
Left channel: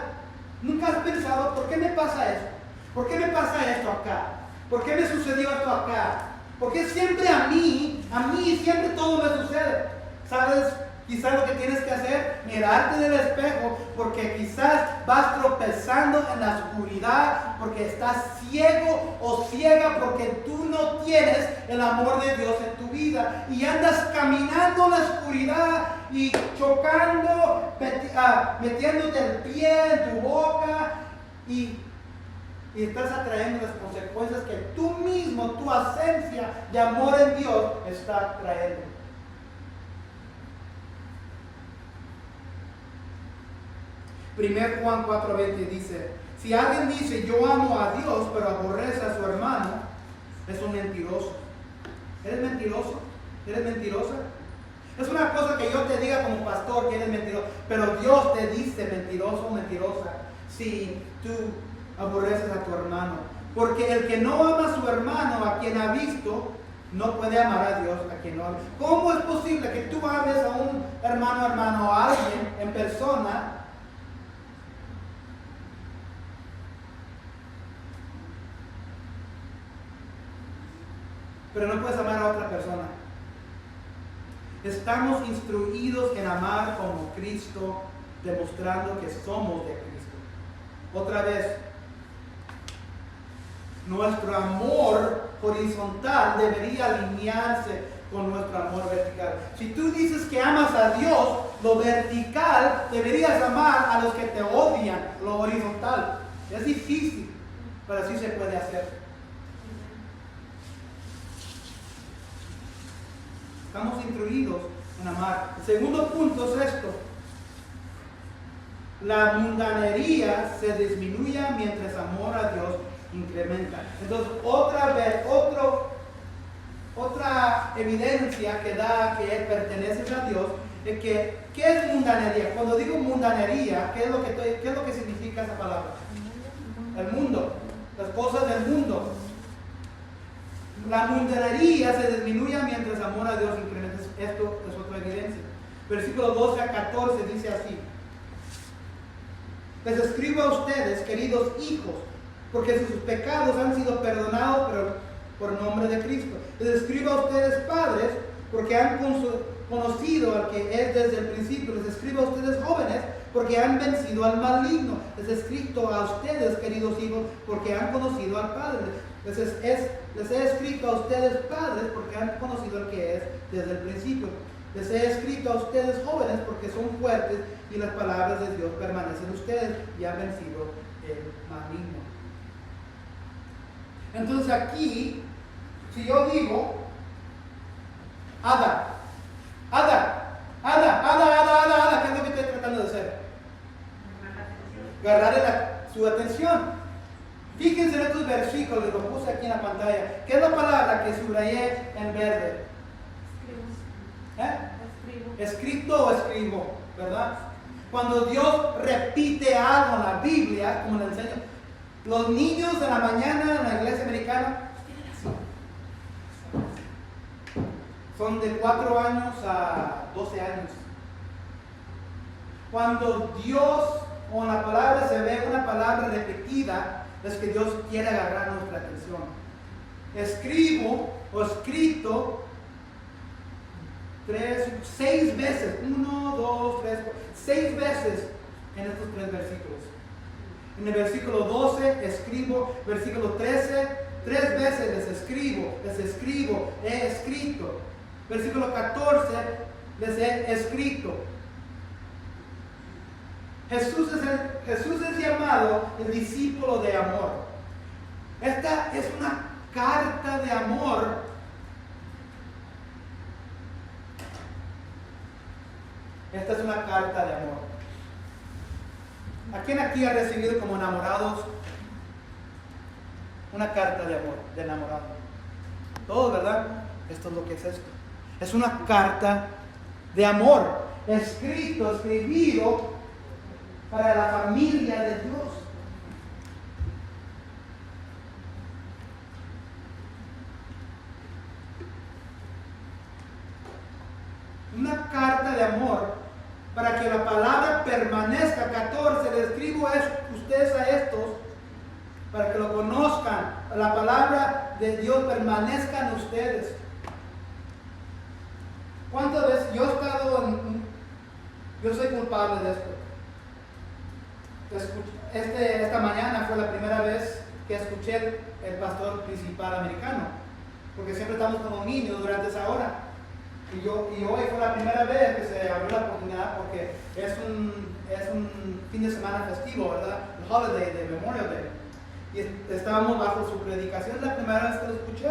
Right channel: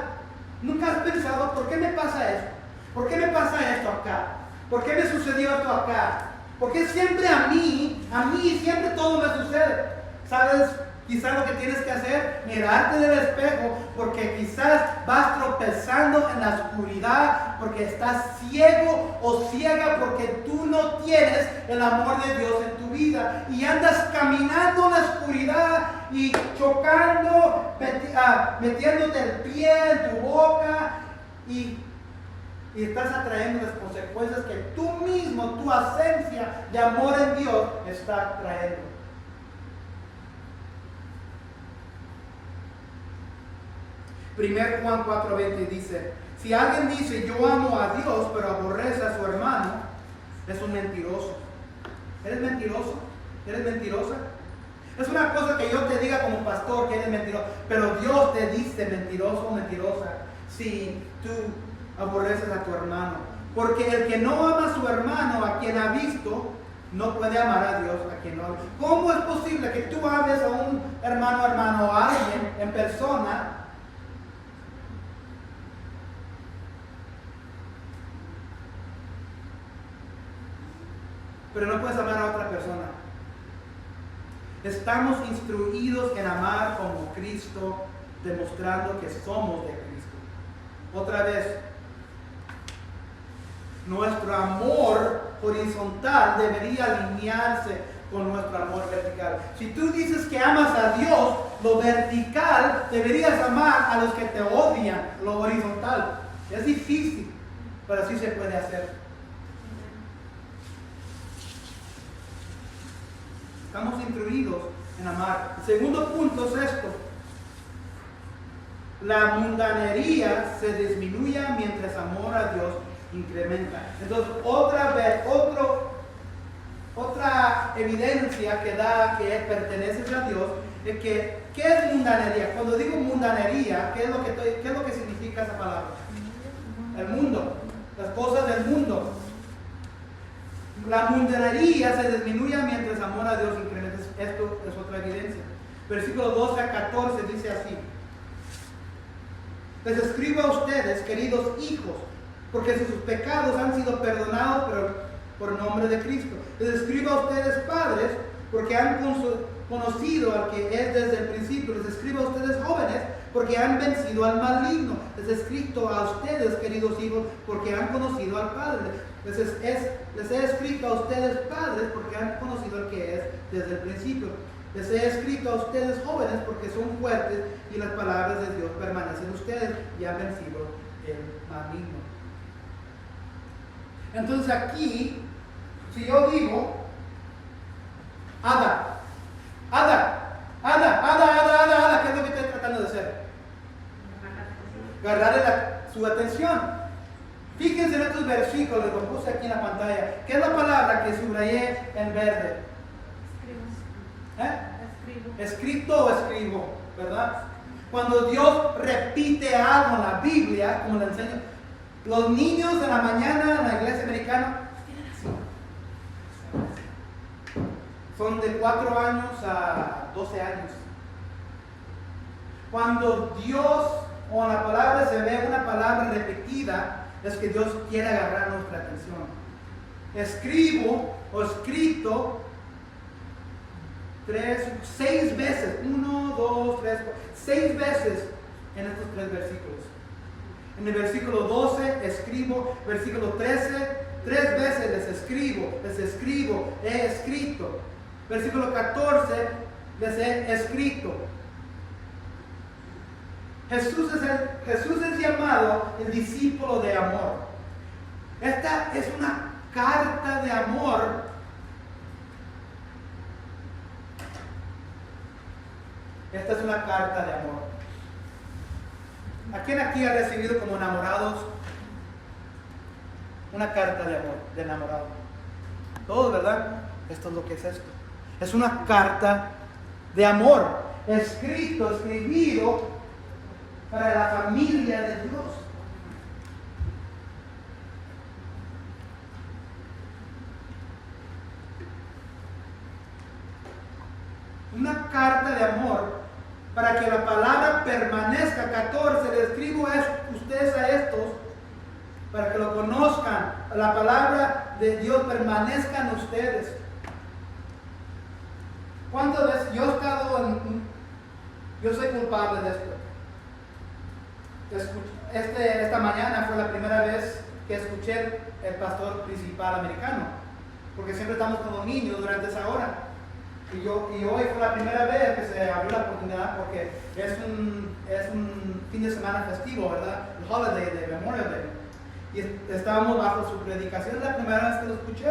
¿Nunca has pensado por qué me pasa esto? ¿Por qué me pasa esto acá? ¿Por qué me sucedió esto acá? ¿Por qué siempre a mí siempre todo me sucede? ¿Sabes? Quizás lo que tienes que hacer, mirarte del espejo, porque quizás vas tropezando en la oscuridad, porque estás ciego o ciega, porque tú no tienes el amor de Dios en tu vida. Y andas caminando en la oscuridad y chocando, metiéndote el pie en tu boca y estás atrayendo las consecuencias que tú mismo, tu ausencia de amor en Dios, está trayendo. Primer Juan 4:20 dice, si alguien dice yo amo a Dios pero aborrece a su hermano, es un mentiroso. ¿Eres mentiroso? ¿Eres mentirosa? Es una cosa que yo te diga como pastor que eres mentiroso, pero Dios te dice mentiroso o mentirosa si tú aborreces a tu hermano. Porque el que no ama a su hermano, a quien ha visto, no puede amar a Dios a quien no ha visto. ¿Cómo es posible que tú ames a un hermano o a alguien en persona, pero no puedes amar a otra persona? Estamos instruidos en amar como Cristo, demostrando que somos de Cristo. Otra vez, nuestro amor horizontal debería alinearse con nuestro amor vertical. Si tú dices que amas a Dios, lo vertical deberías amar a los que te odian, lo horizontal. Es difícil, pero sí se puede hacer. Estamos instruidos en amar. El segundo punto es esto. La mundanería se disminuye mientras amor a Dios incrementa. Entonces, otra evidencia que da que perteneces a Dios es que, ¿qué es mundanería? Cuando digo mundanería, ¿qué es lo que significa esa palabra? El mundo, las cosas del mundo. La mundanería se disminuye mientras amor a Dios incrementa. Esto es otra evidencia. Versículo 12 a 14 dice así: les escribo a ustedes, queridos hijos, porque sus pecados han sido perdonados por nombre de Cristo. Les escribo a ustedes, padres, porque han conocido al que es desde el principio. Les escribo a ustedes, jóvenes, porque han vencido al maligno. Les he escrito a ustedes, queridos hijos, porque han conocido al Padre. Les he escrito a ustedes, padres, porque han conocido al que es desde el principio. Les he escrito a ustedes, jóvenes, porque son fuertes y las palabras de Dios permanecen en ustedes y han vencido el maligno. Entonces aquí, si yo digo, Ada, ¿qué es lo que estoy tratando de hacer? Agarrarle su atención. Fíjense en estos versículos, lo puse aquí en la pantalla. ¿Qué es la palabra que subrayé en verde? Escrito o escribo, ¿verdad? Cuando Dios repite algo en la Biblia, como le enseño, los niños de la mañana en la iglesia americana son de 4 años a 12 años. Cuando Dios o en la palabra se ve una palabra repetida, es que Dios quiere agarrar nuestra atención. Escribo o escrito 6 veces, 1, 2, 3, 4, 6 veces en estos 3 versículos. En el versículo 12 escribo, versículo 13, 3 veces les escribo, he escrito. Versículo 14 les he escrito. Jesús es llamado el discípulo de amor. Esta es una carta de amor. Esta es una carta de amor. ¿A quién aquí ha recibido como enamorados Una carta de amor, de enamorado. Todo, ¿verdad? Esto es lo que es esto. Es una carta de amor, escribido para la familia de Dios. Una carta de amor para que la palabra permanezca. 14, le escribo ustedes a estos para que lo conozcan. La palabra de Dios permanezca en ustedes. ¿Cuántas veces yo he estado yo soy culpable de esto? Esta mañana fue la primera vez que escuché el pastor principal americano, porque siempre estamos con los niños durante esa hora. Y hoy fue la primera vez que se abrió la oportunidad, porque es un fin de semana festivo, ¿verdad? El holiday de Memorial Day. Y estábamos bajo su predicación, la primera vez que lo escuché.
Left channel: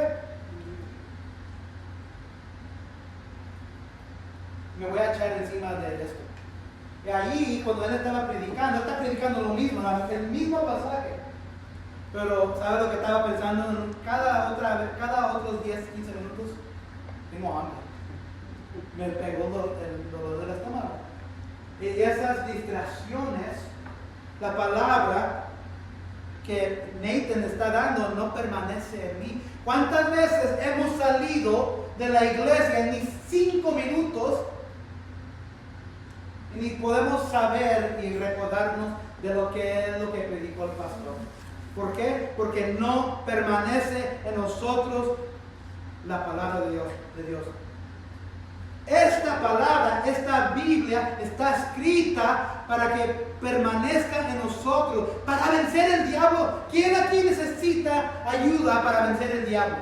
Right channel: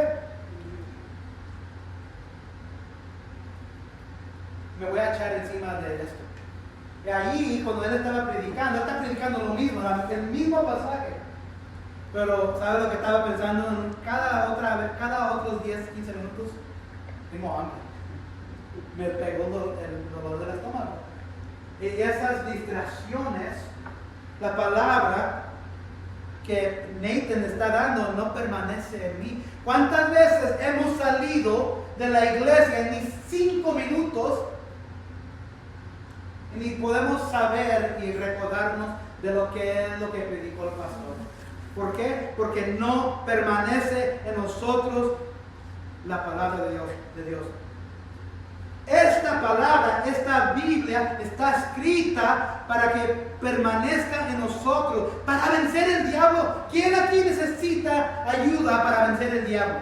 Me voy a echar encima de esto. Y ahí, cuando él estaba predicando, él está predicando lo mismo, el mismo pasaje. Pero, ¿sabe lo que estaba pensando? Cada otros 10, 15 minutos, tengo hambre. Me pegó el dolor del estómago. Y esas distracciones, la palabra que Nathan está dando no permanece en mí. ¿Cuántas veces hemos salido de la iglesia en ni 5 minutos y ni podemos saber y recordarnos de lo que es lo que predicó el pastor? ¿Por qué? Porque no permanece en nosotros la palabra de Dios. Esta palabra, esta Biblia está escrita para que permanezca en nosotros, para vencer el diablo. ¿Quién aquí necesita ayuda para vencer el diablo?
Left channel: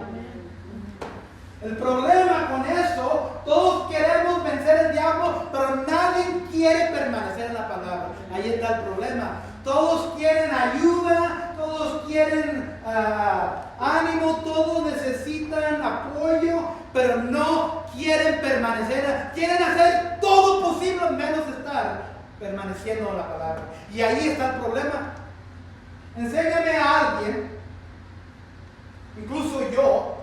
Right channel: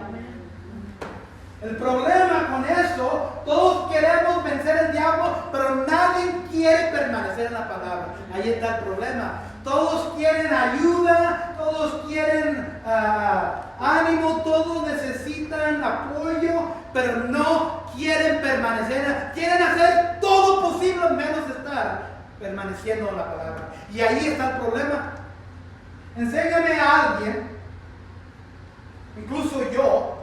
El problema con eso, todos queremos vencer el diablo, pero nadie quiere permanecer en la palabra. Ahí está el problema. Todos quieren ayuda, todos quieren ánimo, todos necesitan apoyo, pero no quieren permanecer. Quieren hacer todo posible menos estar permaneciendo en la palabra. Y ahí está el problema. Enséñame a alguien, incluso yo,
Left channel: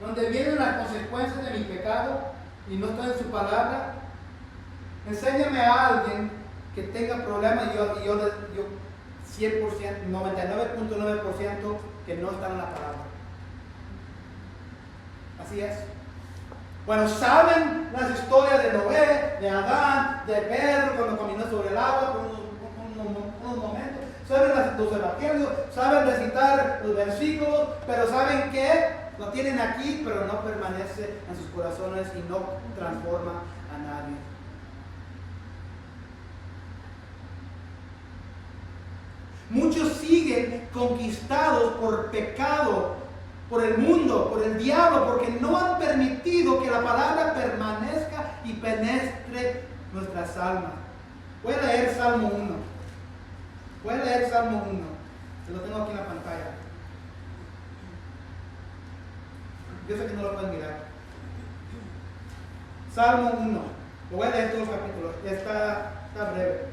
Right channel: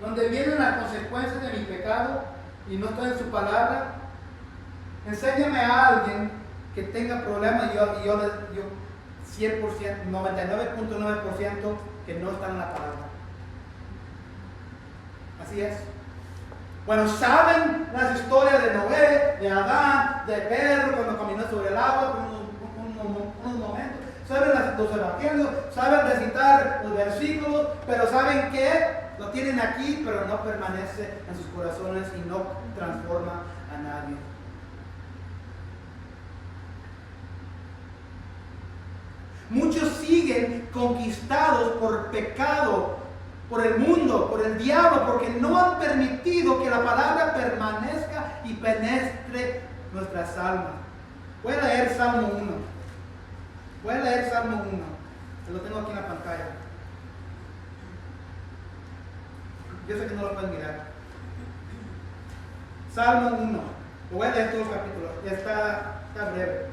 donde vienen las consecuencias de mi pecado y no estoy en su palabra. Enséñame a alguien que tenga problemas y yo 100%, 99.9% que no está en la palabra. Así es. Bueno, saben las historias de Noé, de Adán, de Pedro cuando caminó sobre el agua por unos momentos. Saben los evangelios, saben recitar los versículos, pero ¿saben qué? Lo tienen aquí, pero no permanece en sus corazones y no transforma a nadie. Muchos siguen conquistados por pecado, por el mundo, por el diablo, porque no han permitido que la palabra permanezca y penetre nuestras almas. Voy a leer Salmo 1. Se lo tengo aquí en la pantalla. Yo sé que no lo pueden mirar. Salmo 1. Lo voy a leer todos los capítulos. Está breve.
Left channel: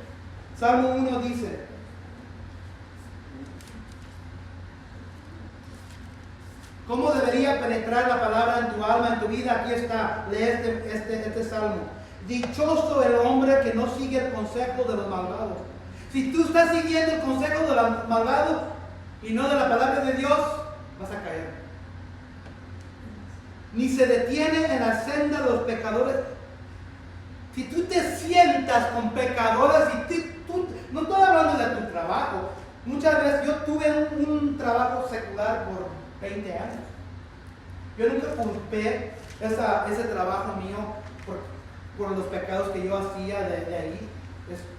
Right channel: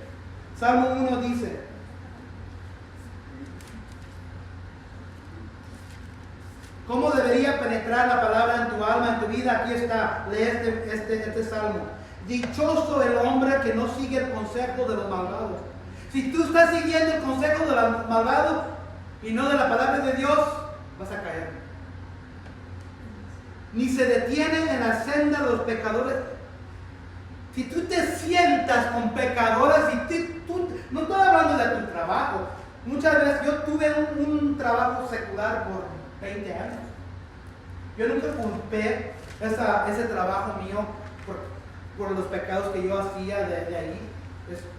Salmo 1 dice: ¿cómo debería penetrar la palabra en tu alma, en tu vida? Aquí está. Lee este salmo. Dichoso el hombre que no sigue el consejo de los malvados. Si tú estás siguiendo el consejo de los malvados y no de la palabra de Dios, vas a caer. Ni se detiene en la senda de los pecadores. Si tú te sientas con pecadores, no estoy hablando de tu trabajo. Muchas veces yo tuve un trabajo secular por 20 años. Yo nunca culpé ese trabajo mío por los pecados que yo hacía de ahí.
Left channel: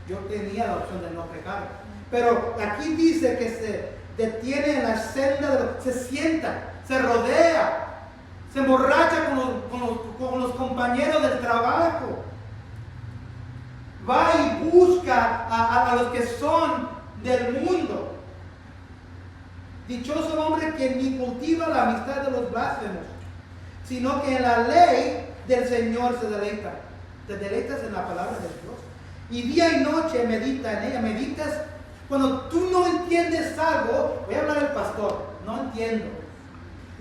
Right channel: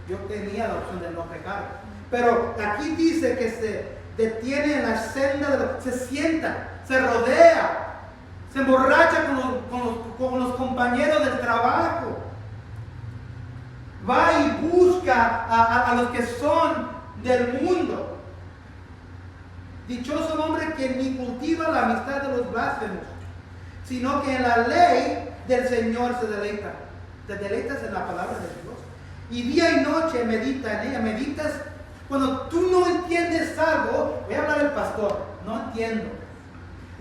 Yo tenía la opción de no pecar. Pero aquí dice que se detiene en la senda, se sienta, se rodea, se emborracha con los compañeros del trabajo. Va y busca a los que son del mundo. Dichoso el hombre que ni cultiva la amistad de los blasfemos, sino que en la ley del Señor se deleita. Te deleitas en la palabra de Dios. y día y noche medita en ella. Meditas cuando tú no entiendes algo. Voy a hablar del pastor, no entiendo.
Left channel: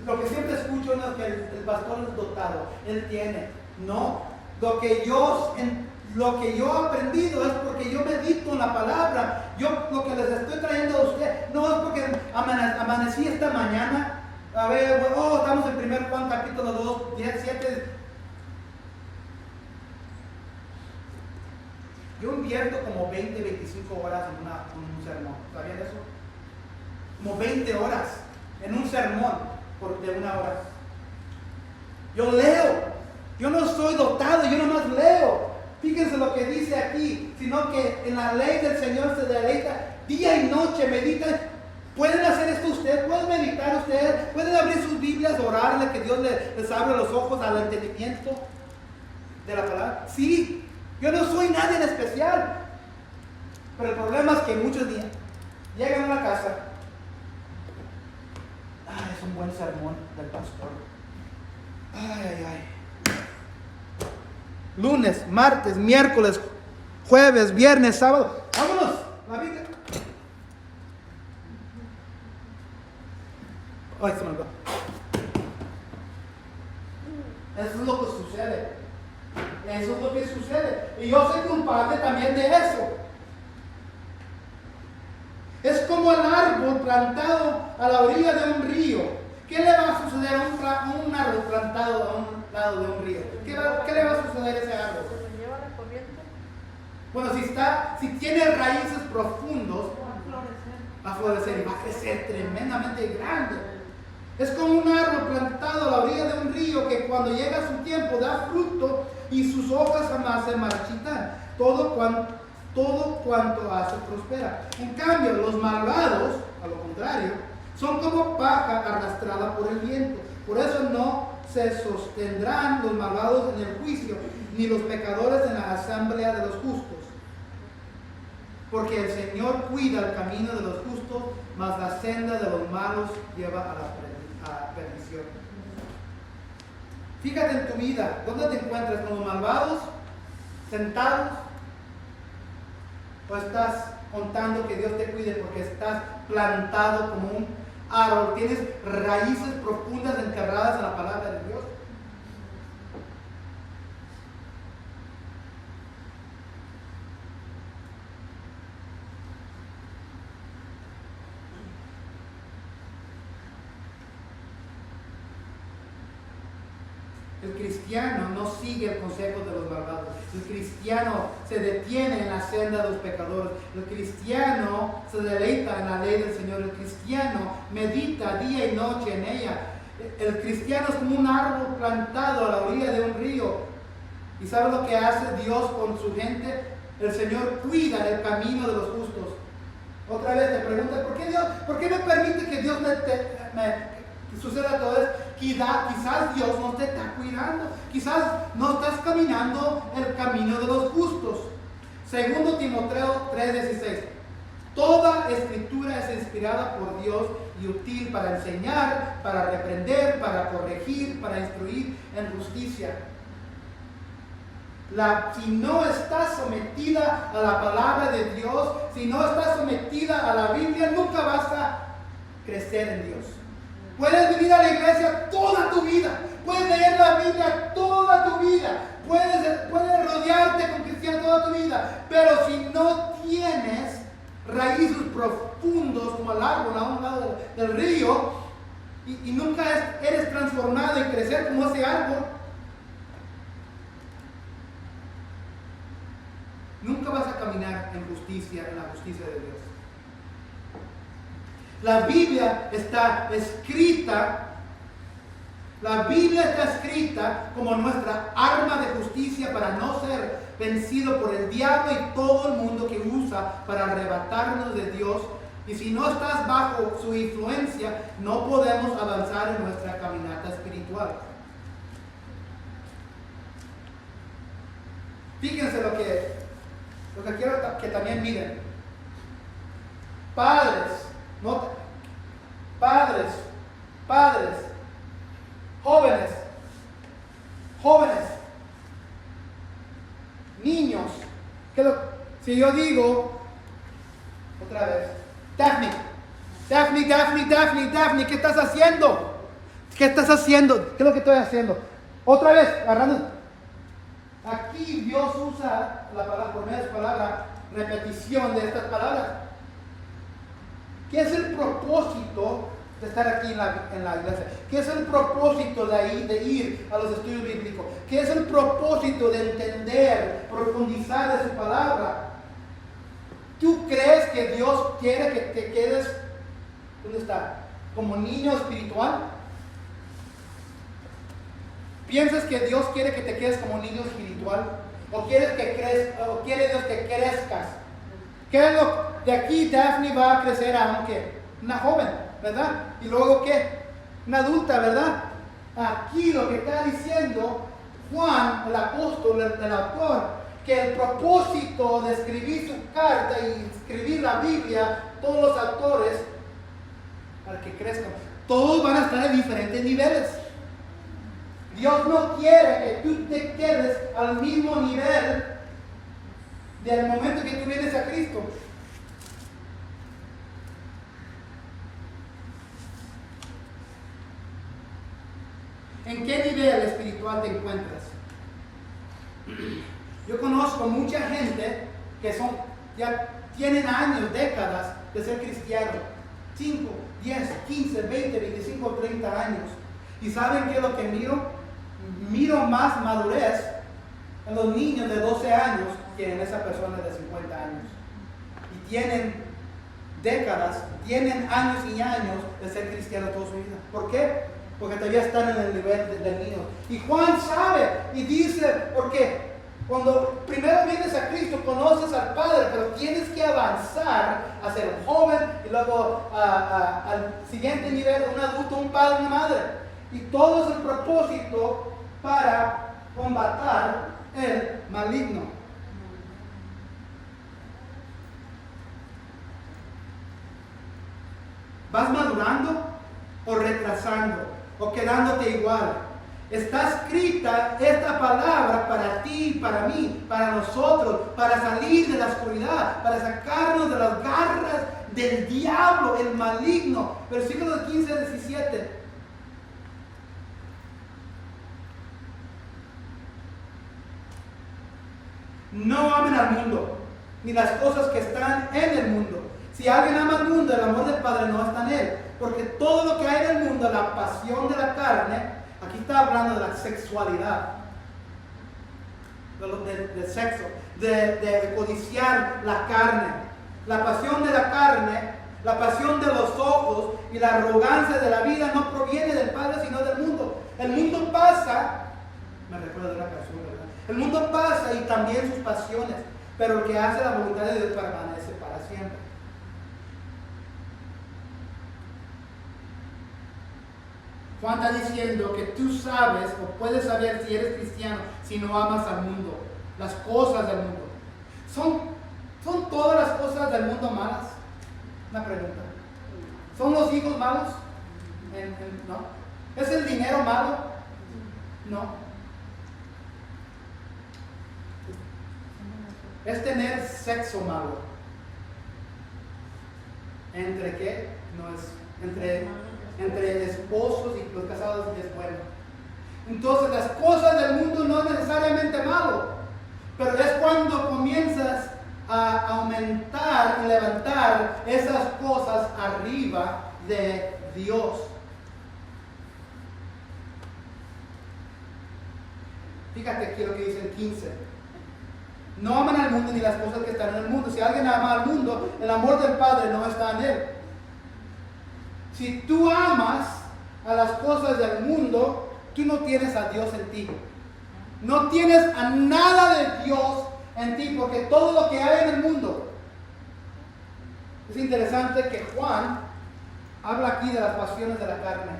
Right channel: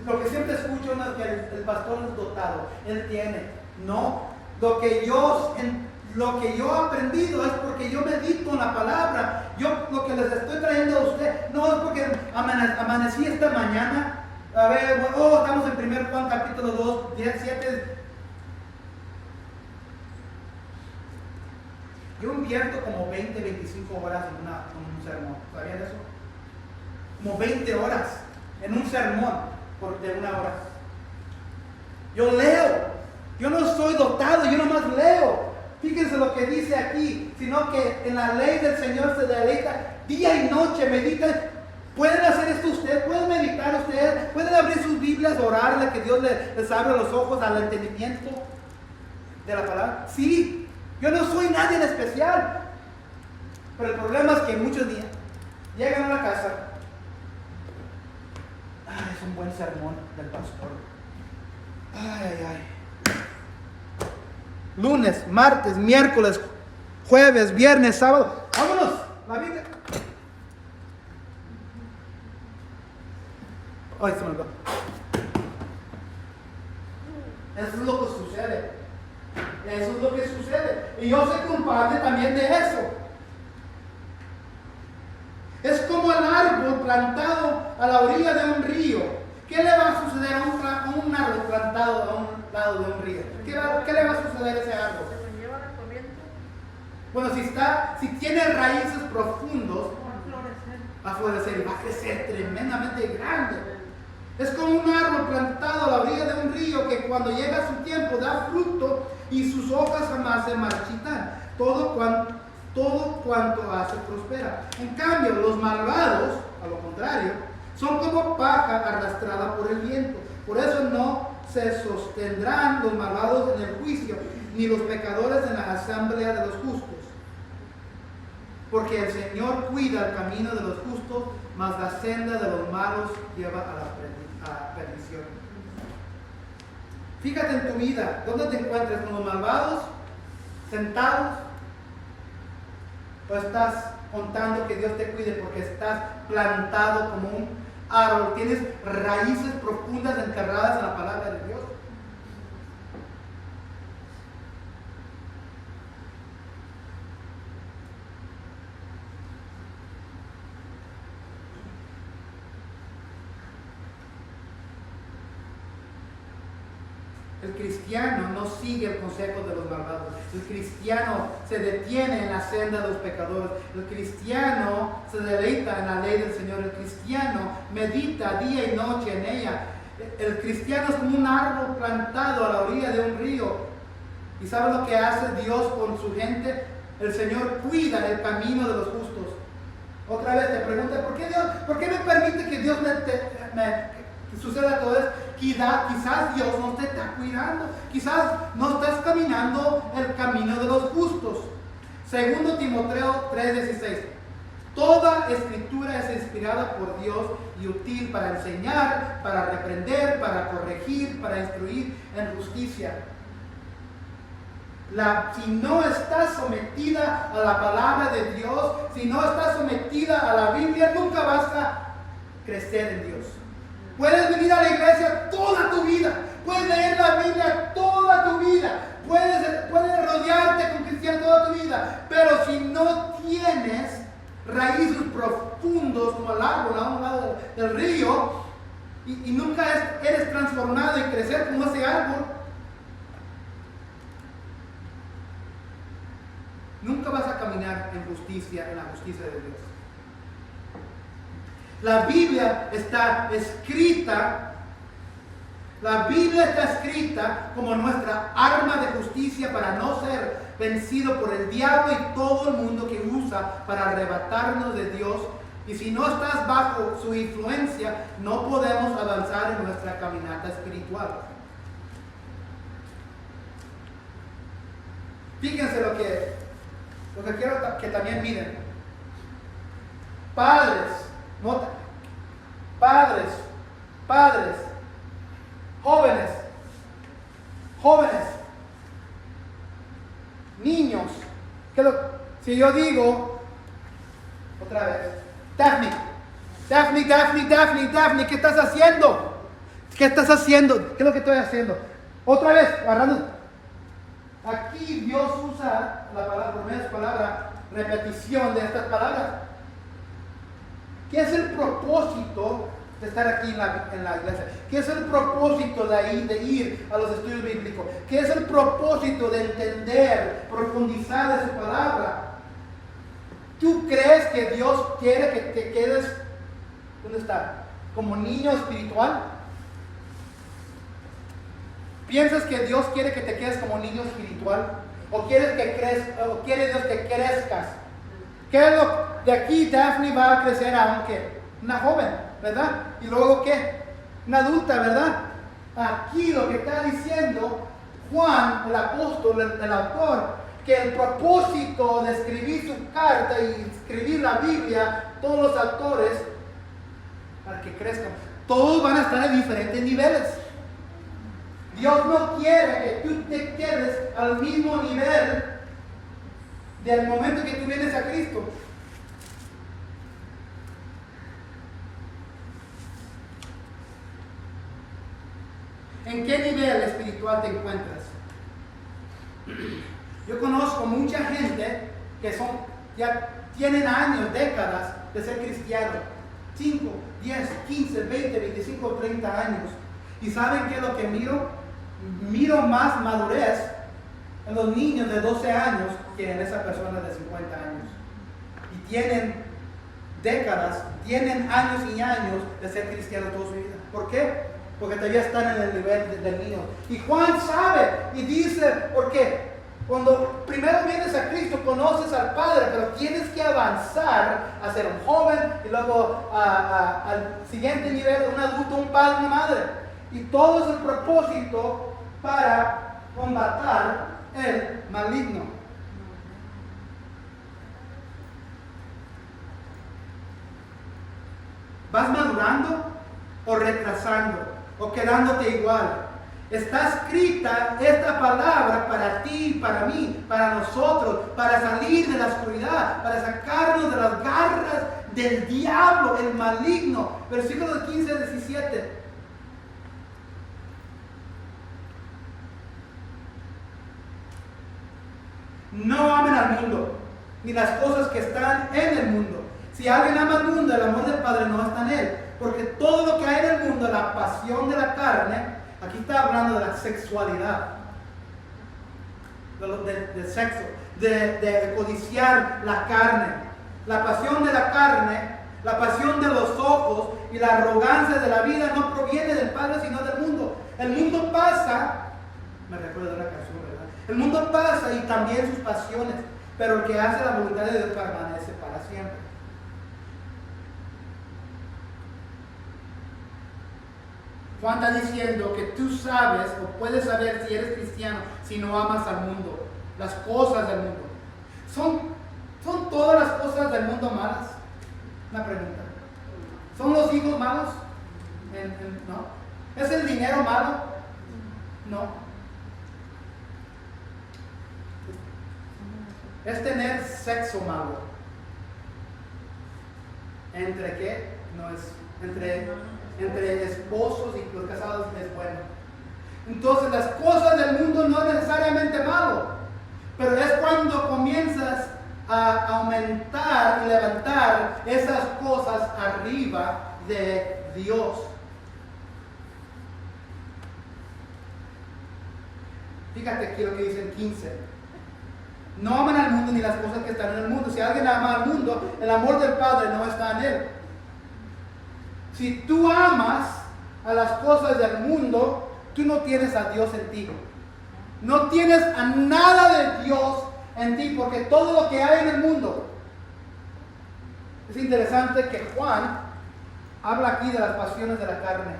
Lo que siempre escucho es que el pastor es dotado, él tiene. No, lo que yo he aprendido es porque yo medito en la palabra. Lo que les estoy trayendo a usted no es porque amanecí esta mañana. A ver, estamos en 1 Juan capítulo 2, 17. Yo invierto como 20, 25 horas en un sermón. ¿Sabían eso? Como 20 horas en un sermón de 1 hora. Yo leo. Yo no soy dotado, yo nomás leo. Fíjense lo que dice aquí, sino que en la ley del Señor se deleita día y noche, medita. ¿Pueden hacer esto ustedes? ¿Pueden meditar ustedes? ¿Pueden abrir sus Biblias, orarle, que Dios les abra los ojos al entendimiento de la palabra? Sí, yo no soy nadie en especial. Pero el problema es que muchos días llegan a la casa. Es un buen sermón del pastor. Ay. Lunes, martes, miércoles, jueves, viernes, sábado. ¡Vámonos! La Biblia. Ay, se me olvidó. Eso es lo que sucede. Eso es lo que sucede. Y yo soy culpable también de eso. Es como el árbol plantado a la orilla de un río. ¿Qué le va a suceder a un árbol plantado a un lado de un río? ¿Qué le va a suceder a ese árbol? ¿Se lleva la corriente? Bueno, si tiene raíces profundos, va a florecer y va a crecer tremendamente grande. Es como un árbol plantado a la orilla de un río que cuando llega su tiempo da fruto y sus hojas jamás se marchitan. Todo cuanto hace prospera. En cambio, los malvados, a lo contrario, son como paja arrastrada por el viento. Por eso no se sostendrán los malvados en el juicio, ni los pecadores en la asamblea de los justos. Porque el Señor cuida el camino de los justos, mas la senda de los malos lleva a la perdición. Fíjate en tu vida, ¿dónde te encuentras? ¿Con los malvados? ¿Sentados? ¿O estás contando que Dios te cuide porque estás plantado como un árbol? ¿Tienes raíces profundas enterradas en la palabra de Dios? El cristiano no sigue el consejo de los malvados. El cristiano se detiene en la senda de los pecadores. El cristiano se deleita en la ley del Señor. El cristiano medita día y noche en ella. El cristiano es como un árbol plantado a la orilla de un río. ¿Y sabes lo que hace Dios con su gente? El Señor cuida el camino de los justos. Otra vez te pregunto, ¿por qué me permite que Dios que suceda todo esto? Quizás Dios no te está cuidando. Quizás no estás caminando el camino de los justos. Segundo Timoteo 3:16. Toda escritura es inspirada por Dios y útil para enseñar, para reprender, para corregir, para instruir en justicia. Si no estás sometida a la palabra de Dios, si no estás sometida a la Biblia, nunca vas a crecer en Dios. Puedes venir a la iglesia toda tu vida, puedes leer la Biblia toda tu vida, puedes rodearte con cristianos toda tu vida, pero si no tienes raíces profundos como el árbol a un lado del río y nunca eres transformado y crecer como ese árbol, nunca vas a caminar en la justicia de Dios. La Biblia está escrita como nuestra arma de justicia para no ser vencido por el diablo y todo el mundo que usa para arrebatarnos de Dios. Y si no estás bajo su influencia, no podemos avanzar en nuestra caminata espiritual. Fíjense lo que quiero que también miren. Padres, jóvenes, niños, Si yo digo, otra vez, Daphne, Daphne, Daphne, Daphne, Daphne, ¿qué estás haciendo? ¿Qué estás haciendo? ¿Qué es lo que estoy haciendo? Otra vez, agarrando. Aquí Dios usa la palabra, por medio de su palabra, repetición de estas palabras. ¿Qué es el propósito de estar aquí en la iglesia? ¿Qué es el propósito de ir a los estudios bíblicos? ¿Qué es el propósito de entender, profundizar de su palabra? ¿Tú crees que Dios quiere que te quedes, ¿dónde está? Como niño espiritual? ¿Piensas que Dios quiere que te quedes como niño espiritual? ¿O quiere Dios que crezcas? ¿Qué es lo de aquí? Daphne va a crecer a una joven, ¿verdad? Y luego ¿qué? Una adulta, ¿verdad? Aquí lo que está diciendo Juan, el apóstol, el autor, que el propósito de escribir su carta y escribir la Biblia, todos los autores, para que crezcan, todos van a estar en diferentes niveles. Dios no quiere que tú te quedes al mismo nivel del momento que tú vienes a Cristo. ¿En qué nivel espiritual te encuentras? Yo conozco mucha gente que ya tienen años, décadas de ser cristianos. 5, 10, 15, 20, 25, 30 años. ¿Y saben qué es lo que miro? Miro más madurez en los niños de 12 años que en esas personas de 50 años. Y tienen décadas, tienen años y años de ser cristianos toda su vida. ¿Por qué? Porque todavía están en el nivel del niño. Y Juan sabe y dice, porque cuando primero vienes a Cristo, conoces al Padre, pero tienes que avanzar a ser un joven y luego al siguiente nivel, un adulto, un padre, una madre. Y todo es el propósito para combatir el maligno. ¿Vas madurando o retrasando o quedándote igual? Está escrita esta palabra para ti, para mí, para nosotros, para salir de la oscuridad, para sacarnos de las garras del diablo, el maligno. Versículos 15 al 17. No amen al mundo, ni las cosas que están en el mundo. Si alguien ama al mundo, el amor del Padre no está en él. Porque todo lo que hay en el mundo, la pasión de la carne, aquí está hablando de la sexualidad, de sexo, de codiciar la carne. La pasión de la carne, la pasión de los ojos y la arrogancia de la vida no proviene del Padre, sino del mundo. El mundo pasa, me recuerda de una canción, ¿verdad? El mundo pasa y también sus pasiones, pero el que hace la voluntad de Dios permanece para siempre. Juan está diciendo que tú sabes o puedes saber si eres cristiano si no amas al mundo, las cosas del mundo. ¿Son todas las cosas del mundo malas? Una pregunta. ¿Son los hijos malos? ¿No? ¿Es el dinero malo? No. ¿Es tener sexo malo? ¿Entre qué? No es. Entre esposos y los casados es bueno. Entonces las cosas del mundo no es necesariamente malo, pero es cuando comienzas a aumentar y levantar esas cosas arriba de Dios. Fíjate aquí lo que dice en 15. No aman al mundo ni las cosas que están en el mundo. Si alguien ama al mundo, el amor del Padre no está en él. Si tú amas a las cosas del mundo, tú no tienes a Dios en ti. No tienes a nada de Dios en ti, porque todo lo que hay en el mundo. Es interesante que Juan habla aquí de las pasiones de la carne.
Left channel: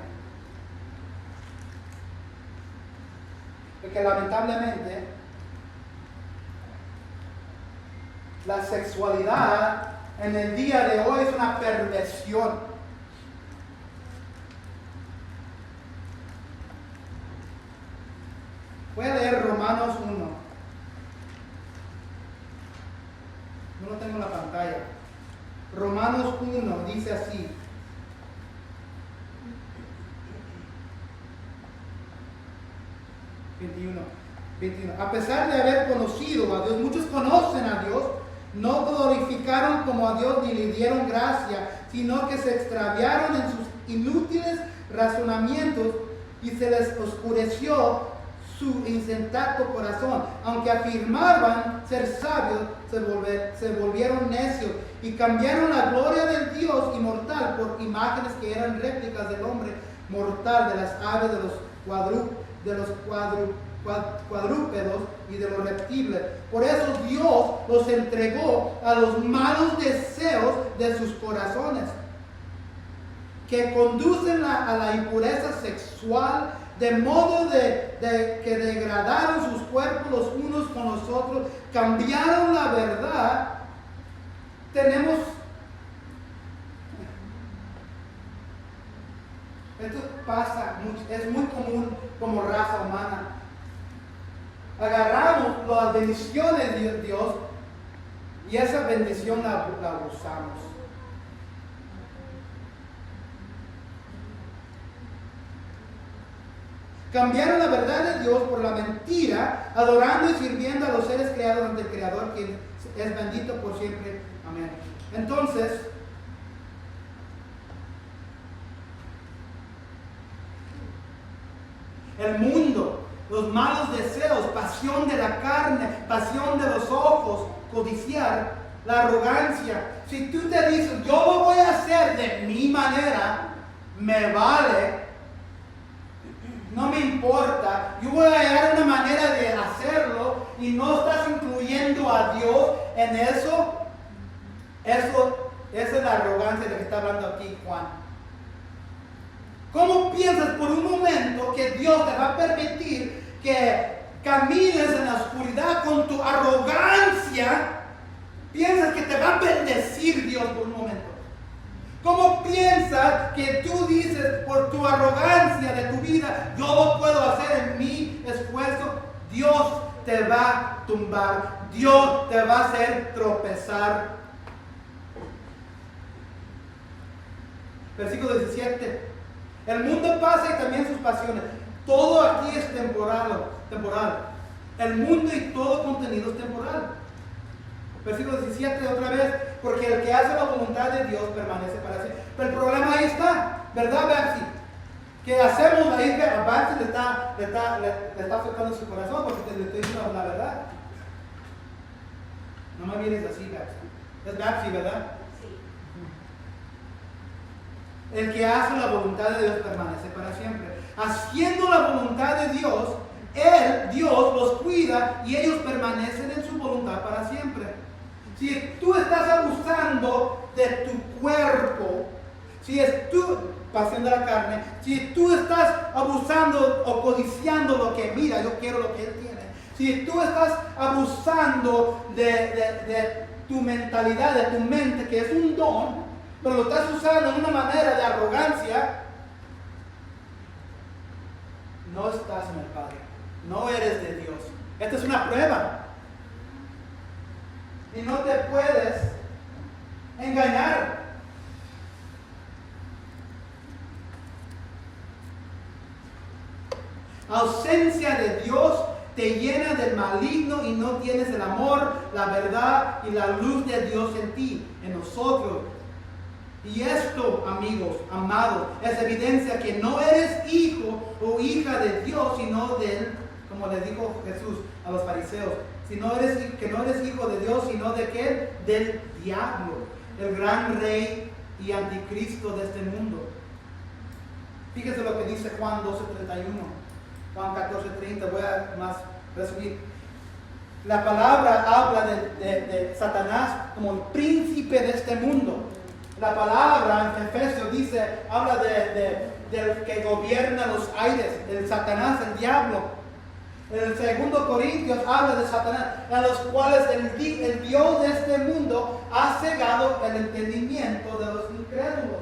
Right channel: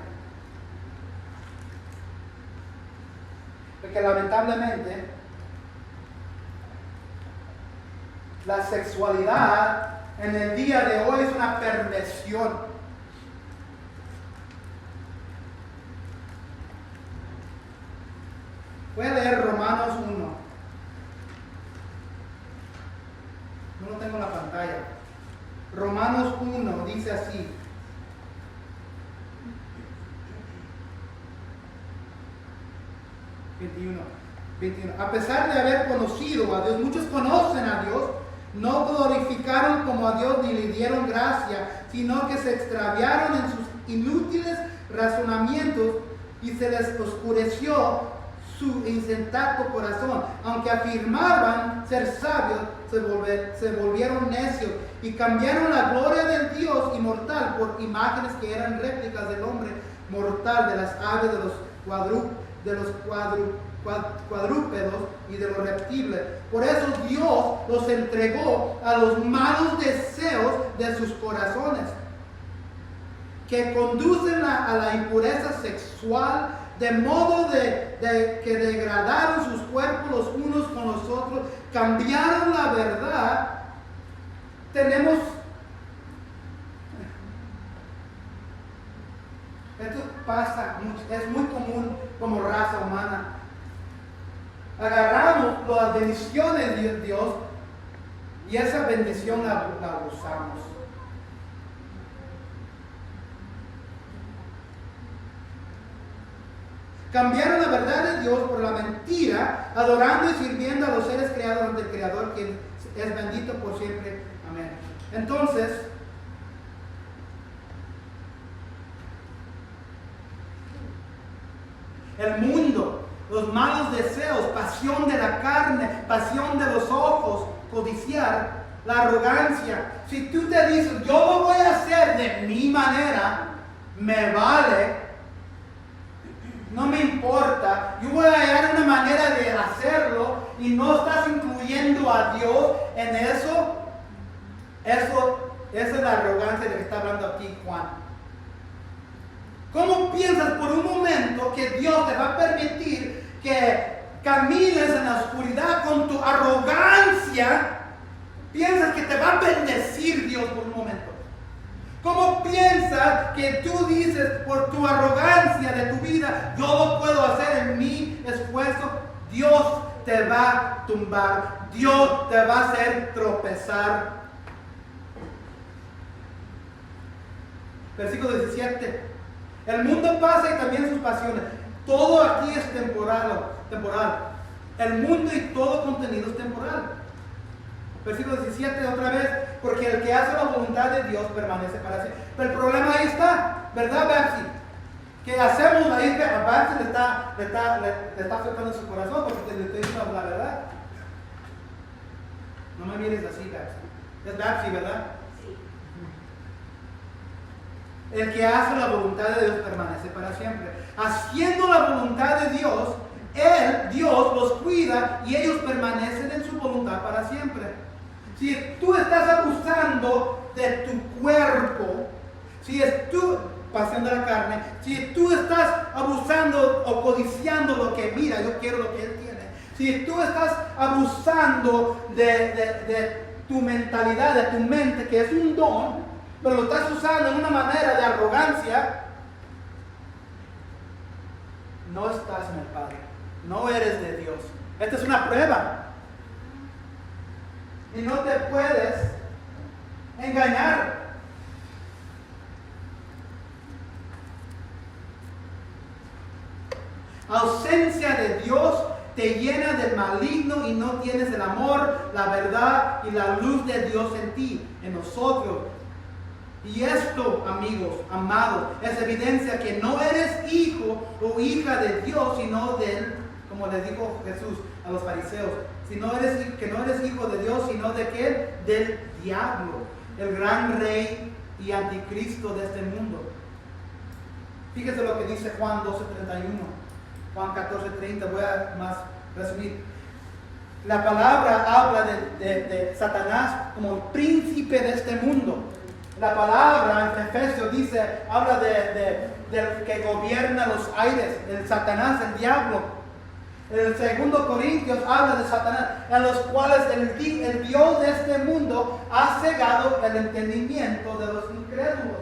Porque lamentablemente la sexualidad en el día de hoy es una perversión. Voy a leer Romanos 1. en la pantalla. Romanos 1 dice así. A pesar de haber conocido a Dios, muchos conocen a Dios, no glorificaron como a Dios ni le dieron gracia, sino que se extraviaron en sus inútiles razonamientos y se les oscureció su insensato corazón. Aunque afirmaban ser sabios, se volvieron necios y cambiaron la gloria del Dios inmortal por imágenes que eran réplicas del hombre mortal, de las aves, de los cuadrúpedos y de los reptiles. Por eso Dios los entregó a los malos deseos de sus corazones, que conducen a la impureza sexual, de modo que degradaron sus cuerpos los unos con los otros, cambiaron la verdad. Esto pasa mucho, es muy común como raza humana. Agarramos las bendiciones de Dios y esa bendición la abusamos. Cambiaron la verdad de Dios por la mentira, adorando y sirviendo a los seres creados ante el Creador, quien es bendito por siempre. Amén. Entonces, el mundo, los malos deseos, pasión de la carne, pasión de los ojos, codiciar, la arrogancia. Si tú te dices, yo lo voy a hacer de mi manera, me vale, no me importa, yo voy a hallar una manera de hacerlo y no estás incluyendo a Dios en eso, esa es la arrogancia de la que está hablando aquí Juan. ¿Cómo piensas por un momento que Dios te va a permitir que camines en la oscuridad con tu arrogancia? ¿Piensas que te va a bendecir Dios por un momento? ¿Cómo piensas que tú dices por tu arrogancia de tu vida, yo lo puedo hacer en mi esfuerzo? Dios te va a tumbar, Dios te va a hacer tropezar. Versículo 17. El mundo pasa y también sus pasiones. Todo aquí es temporal. El mundo y todo contenido es temporal. Versículo 17 otra vez. Porque el que hace la voluntad de Dios permanece para siempre. Pero el problema ahí está, ¿verdad, Betsy? Que hacemos ahí que a Betsy le está afectando su corazón porque te estoy diciendo la verdad. No me mires así, Betsy. Es Betsy, ¿verdad? El que hace la voluntad de Dios permanece para siempre. Haciendo la voluntad de Dios, Dios los cuida y ellos permanecen en su voluntad para siempre. Si tú estás abusando de tu cuerpo, si es tu pasión de la carne, si tú estás abusando o codiciando lo que, mira, yo quiero lo que él tiene. Si tú estás abusando de tu mentalidad, de tu mente, que es un don, pero lo estás usando en una manera de arrogancia, no estás en el Padre, no eres de Dios. Esta es una prueba. Y no te puedes engañar. Ausencia de Dios te llena del maligno y no tienes el amor, la verdad y la luz de Dios en ti, en nosotros. Y esto, amigos, amados, es evidencia que no eres hijo o hija de Dios, sino de Él, como les dijo Jesús a los fariseos. Que no eres hijo de Dios, sino de ¿qué? Del diablo, el gran rey y anticristo de este mundo. Fíjese lo que dice Juan 12:31, Juan 14:30, voy a más resumir. La palabra habla de Satanás como el príncipe de este mundo. La palabra en Efesios habla del que gobierna los aires, el Satanás, el diablo. En el 2 Corintios habla de Satanás, en los cuales el Dios de este mundo ha cegado el entendimiento de los incrédulos.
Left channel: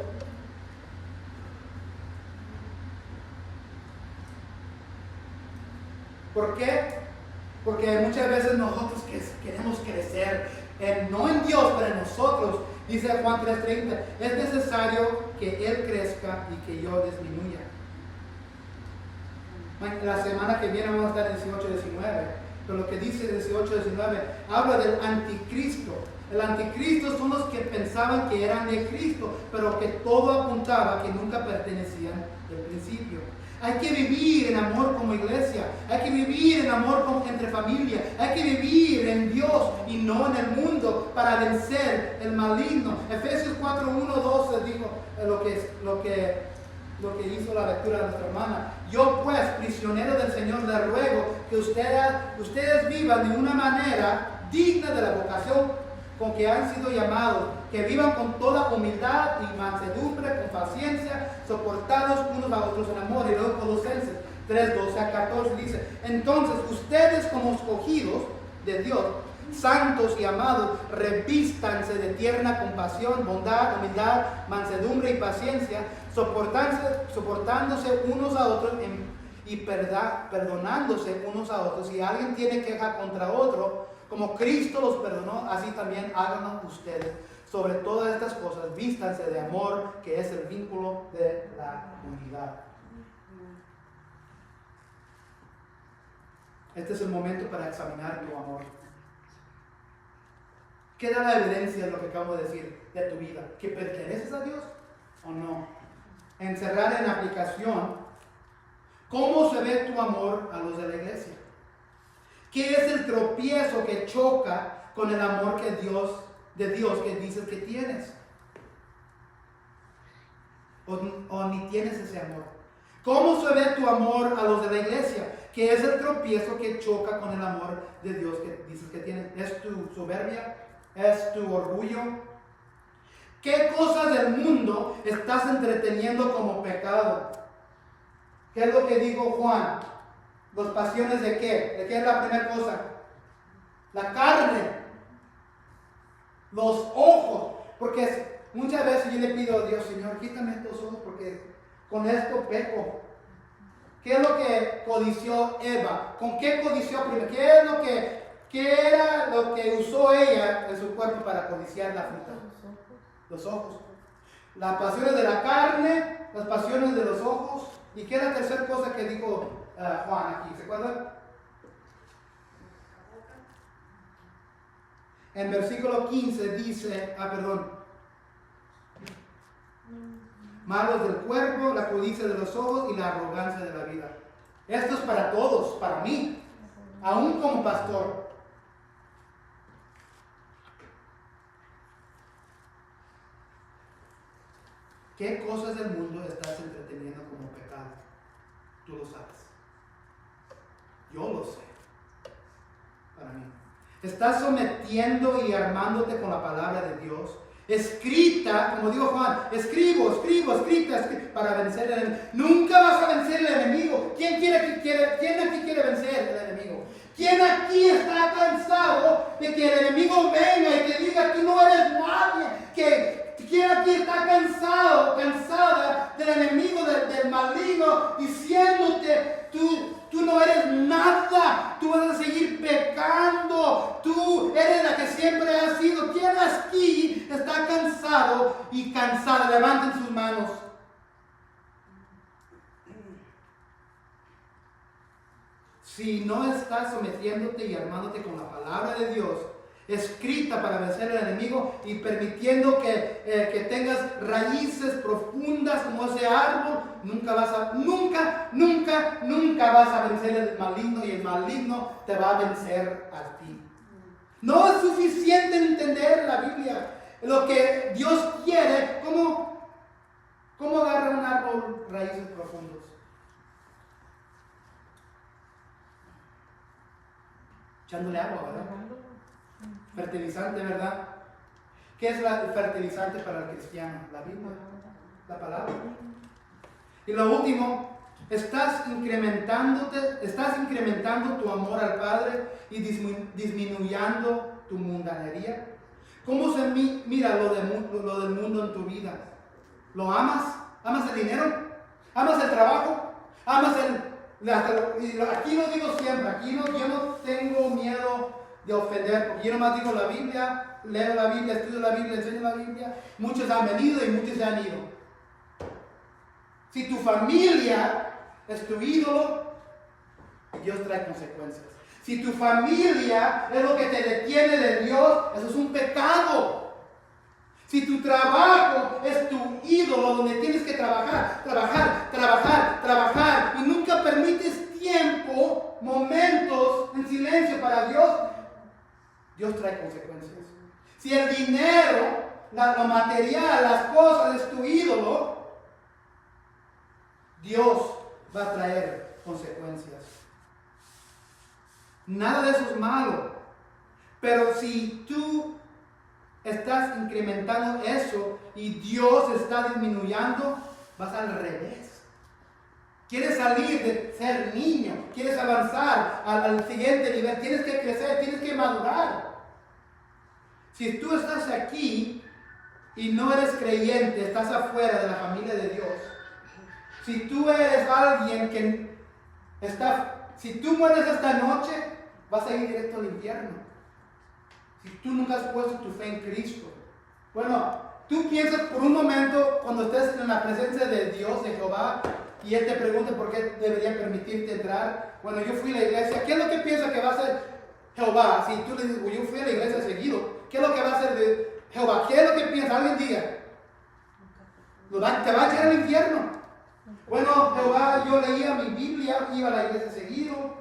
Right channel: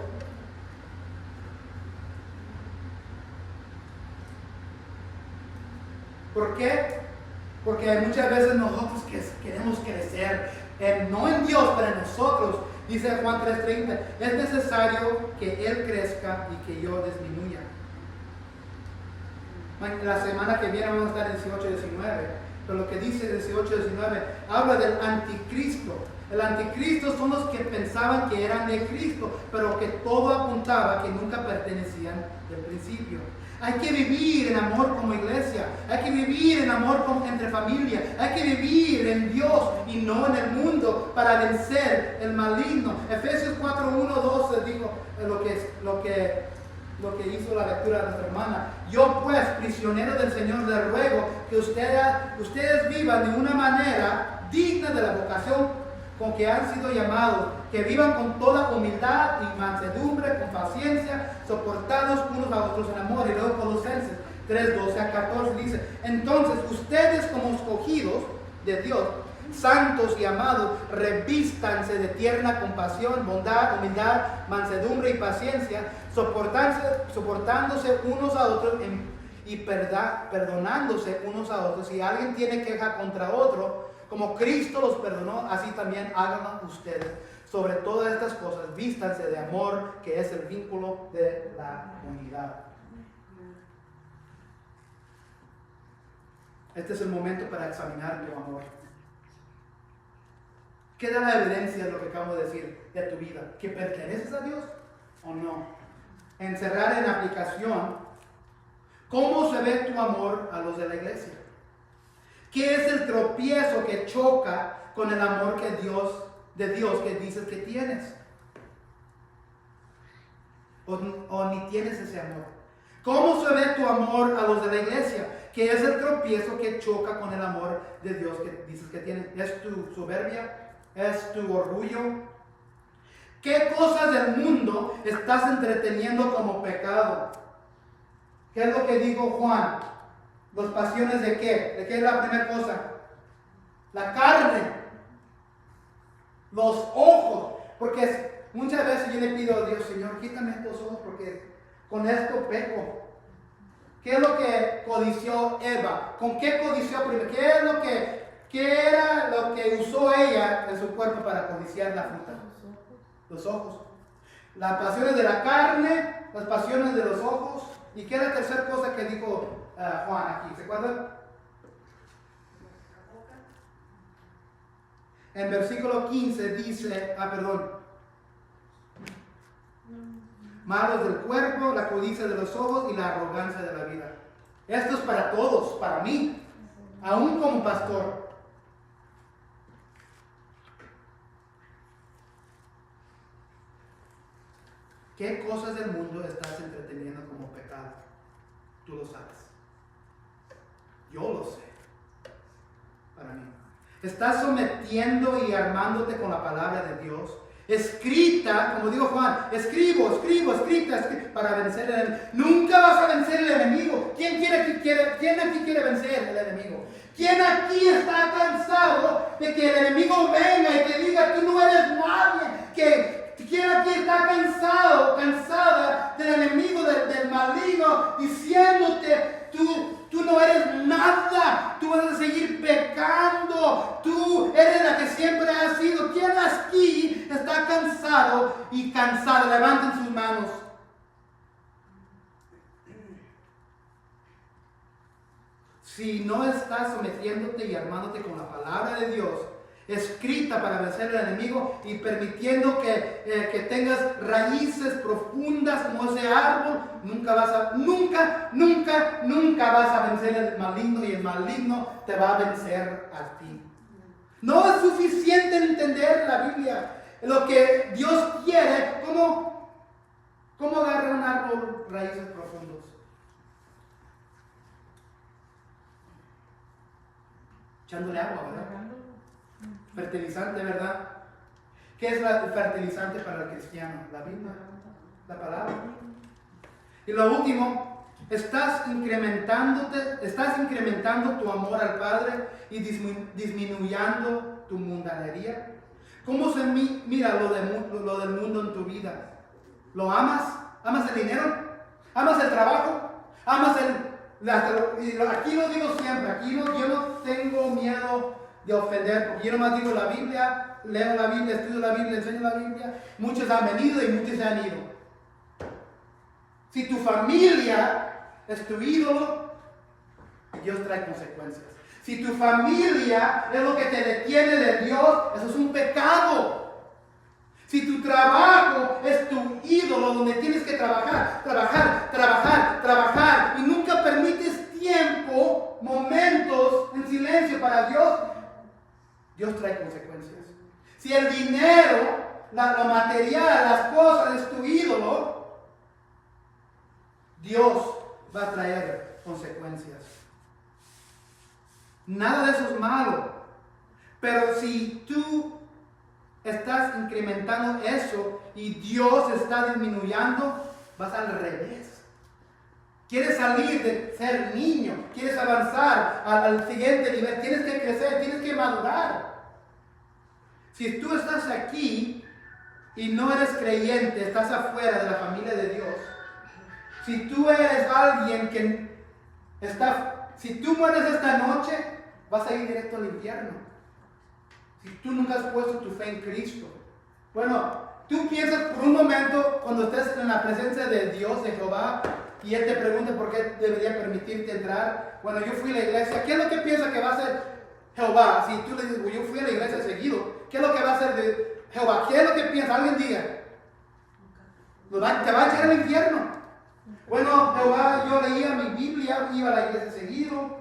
¿Por qué? Porque muchas veces nosotros queremos crecer, no en Dios, pero en nosotros. Dice Juan 3:30, es necesario que Él crezca y que yo disminuya. La semana que viene vamos a estar en 18-19, pero lo que dice 18-19 habla del anticristo. El anticristo son los que pensaban que eran de Cristo, pero que todo apuntaba que nunca pertenecían del principio. Hay que vivir en amor como iglesia, hay que vivir en amor entre familia, hay que vivir en Dios y no en el mundo para vencer el maligno. Efesios 4:1-12 dijo lo que hizo la lectura de nuestra hermana. Yo pues, prisionero del Señor, les ruego que ustedes vivan de una manera digna de la vocación con que han sido llamados, que vivan con toda humildad y mansedumbre, con paciencia, soportados unos a otros en amor. Y luego Colosenses 3:12-14 dice, entonces ustedes como escogidos de Dios, santos y amados, revístanse de tierna compasión, bondad, humildad, mansedumbre y paciencia, soportándose unos a otros y perdonándose unos a otros. Si alguien tiene queja contra otro, como Cristo los perdonó, así también háganlo ustedes. Sobre todas estas cosas, vístanse de amor, que es el vínculo de la unidad. Este es el momento para examinar tu amor. ¿Qué da la evidencia de lo que acabo de decir de tu vida? ¿Que perteneces a Dios o no? Encerrar en aplicación, ¿cómo se ve tu amor a los de la iglesia? ¿Qué es el tropiezo que choca con el amor de Dios que dices que tienes? ¿O ni tienes ese amor? ¿Cómo se ve tu amor a los de la iglesia? ¿Qué es el tropiezo que choca con el amor de Dios que dices que tienes? ¿Es tu soberbia? ¿Es tu orgullo? ¿Qué cosas del mundo estás entreteniendo como pecado? ¿Qué es lo que dijo Juan? ¿Las pasiones de qué? ¿De qué es la primera cosa? La carne. Los ojos. Porque muchas veces yo le pido a Dios, Señor, quítame estos ojos porque con esto peco. ¿Qué es lo que codició Eva? ¿Con qué codició primero? ¿Qué era lo que usó ella en su cuerpo para codiciar la fruta? Los ojos. Las pasiones de la carne, las pasiones de los ojos. ¿Y qué es la tercera cosa que dijo Juan aquí? ¿Se acuerdan? En versículo 15 dice, malos del cuerpo, la codicia de los ojos y la arrogancia de la vida. Esto es para todos, para mí, aún como pastor. ¿Qué cosas del mundo estás entreteniendo como pecado? Tú lo sabes. Yo lo sé. Para mí. Estás sometiendo y armándote con la palabra de Dios. Escrita, como dijo Juan, escrita para vencer el enemigo. Nunca vas a vencer el enemigo. ¿Quién aquí quiere vencer el enemigo? ¿Quién aquí está cansado de que el enemigo venga y te diga tú no eres nadie? ¿Quién aquí está cansada del enemigo, del maligno, diciéndote tú no eres nada, tú vas a seguir pecando, tú eres la que siempre has sido? ¿Quién aquí está cansado y cansada? Levanten sus manos. Si no estás sometiéndote y armándote con la palabra de Dios, escrita para vencer al enemigo y permitiendo que tengas raíces profundas como ese árbol, nunca vas a vencer el maligno y el maligno te va a vencer a ti. No es suficiente entender la Biblia, lo que Dios quiere. ¿Cómo agarra un árbol raíces profundas? Echándole agua, ¿verdad? Fertilizante, ¿verdad? ¿Qué es el fertilizante para el cristiano? La Biblia, la palabra. Y lo último, estás incrementando tu amor al Padre y disminuyendo tu mundanería. ¿Cómo se mira lo del mundo en tu vida? ¿Lo amas? ¿Amas el dinero? ¿Amas el trabajo? ¿Amas y aquí lo digo siempre, yo no tengo miedo de ofender, porque yo nomás digo la Biblia, leo la Biblia, estudio la Biblia, enseño la Biblia. Muchos han venido y muchos se han ido. Si tu familia es tu ídolo, Dios trae consecuencias. Si tu familia es lo que te detiene de Dios, eso es un pecado. Si tu trabajo es tu ídolo, donde tienes que trabajar y nunca permites tiempo, momentos en silencio para Dios, Dios trae consecuencias. Si el dinero, lo material, las cosas es tu ídolo, Dios va a traer consecuencias. Nada de eso es malo. Pero si tú estás incrementando eso y Dios está disminuyendo, vas al revés. Quieres salir de ser niño, quieres avanzar al siguiente nivel, tienes que crecer, tienes que madurar. Si tú estás aquí y no eres creyente, estás afuera de la familia de Dios. Si tú eres alguien que si tú mueres esta noche, vas a ir directo al infierno. Si tú nunca has puesto tu fe en Cristo. Bueno, tú piensas por un momento cuando estés en la presencia de Dios, de Jehová, y Él te pregunta por qué debería permitirte entrar. Bueno, yo fui a la iglesia. ¿Qué es lo que piensa que va a hacer Jehová? Si tú le dices, yo fui a la iglesia seguido, ¿qué es lo que va a hacer de Jehová? ¿Qué es lo que piensa? Alguien diga. Te va a echar al infierno. Bueno, Jehová, yo leía mi Biblia, iba a la iglesia seguido.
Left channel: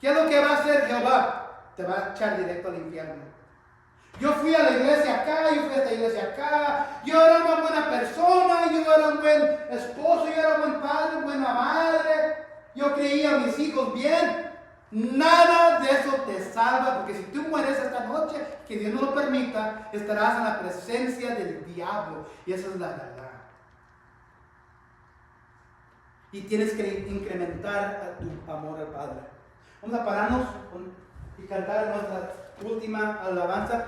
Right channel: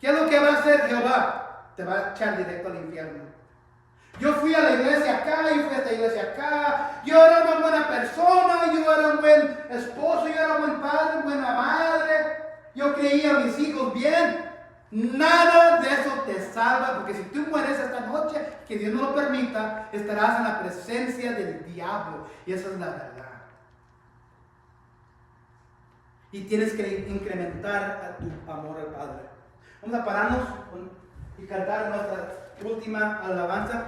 ¿Qué es lo que va a hacer Jehová? Te va a echar directo al infierno. Yo fui a la iglesia acá, yo fui a esta iglesia acá, yo era una buena persona, yo era un buen esposo, yo era un buen padre, buena madre, yo creía a mis hijos bien. Nada de eso te salva, porque si tú mueres esta noche, que Dios no lo permita, estarás en la presencia del diablo, y esa es la verdad. Y tienes que incrementar a tu amor al Padre. Vamos a pararnos y cantar nuestra última alabanza.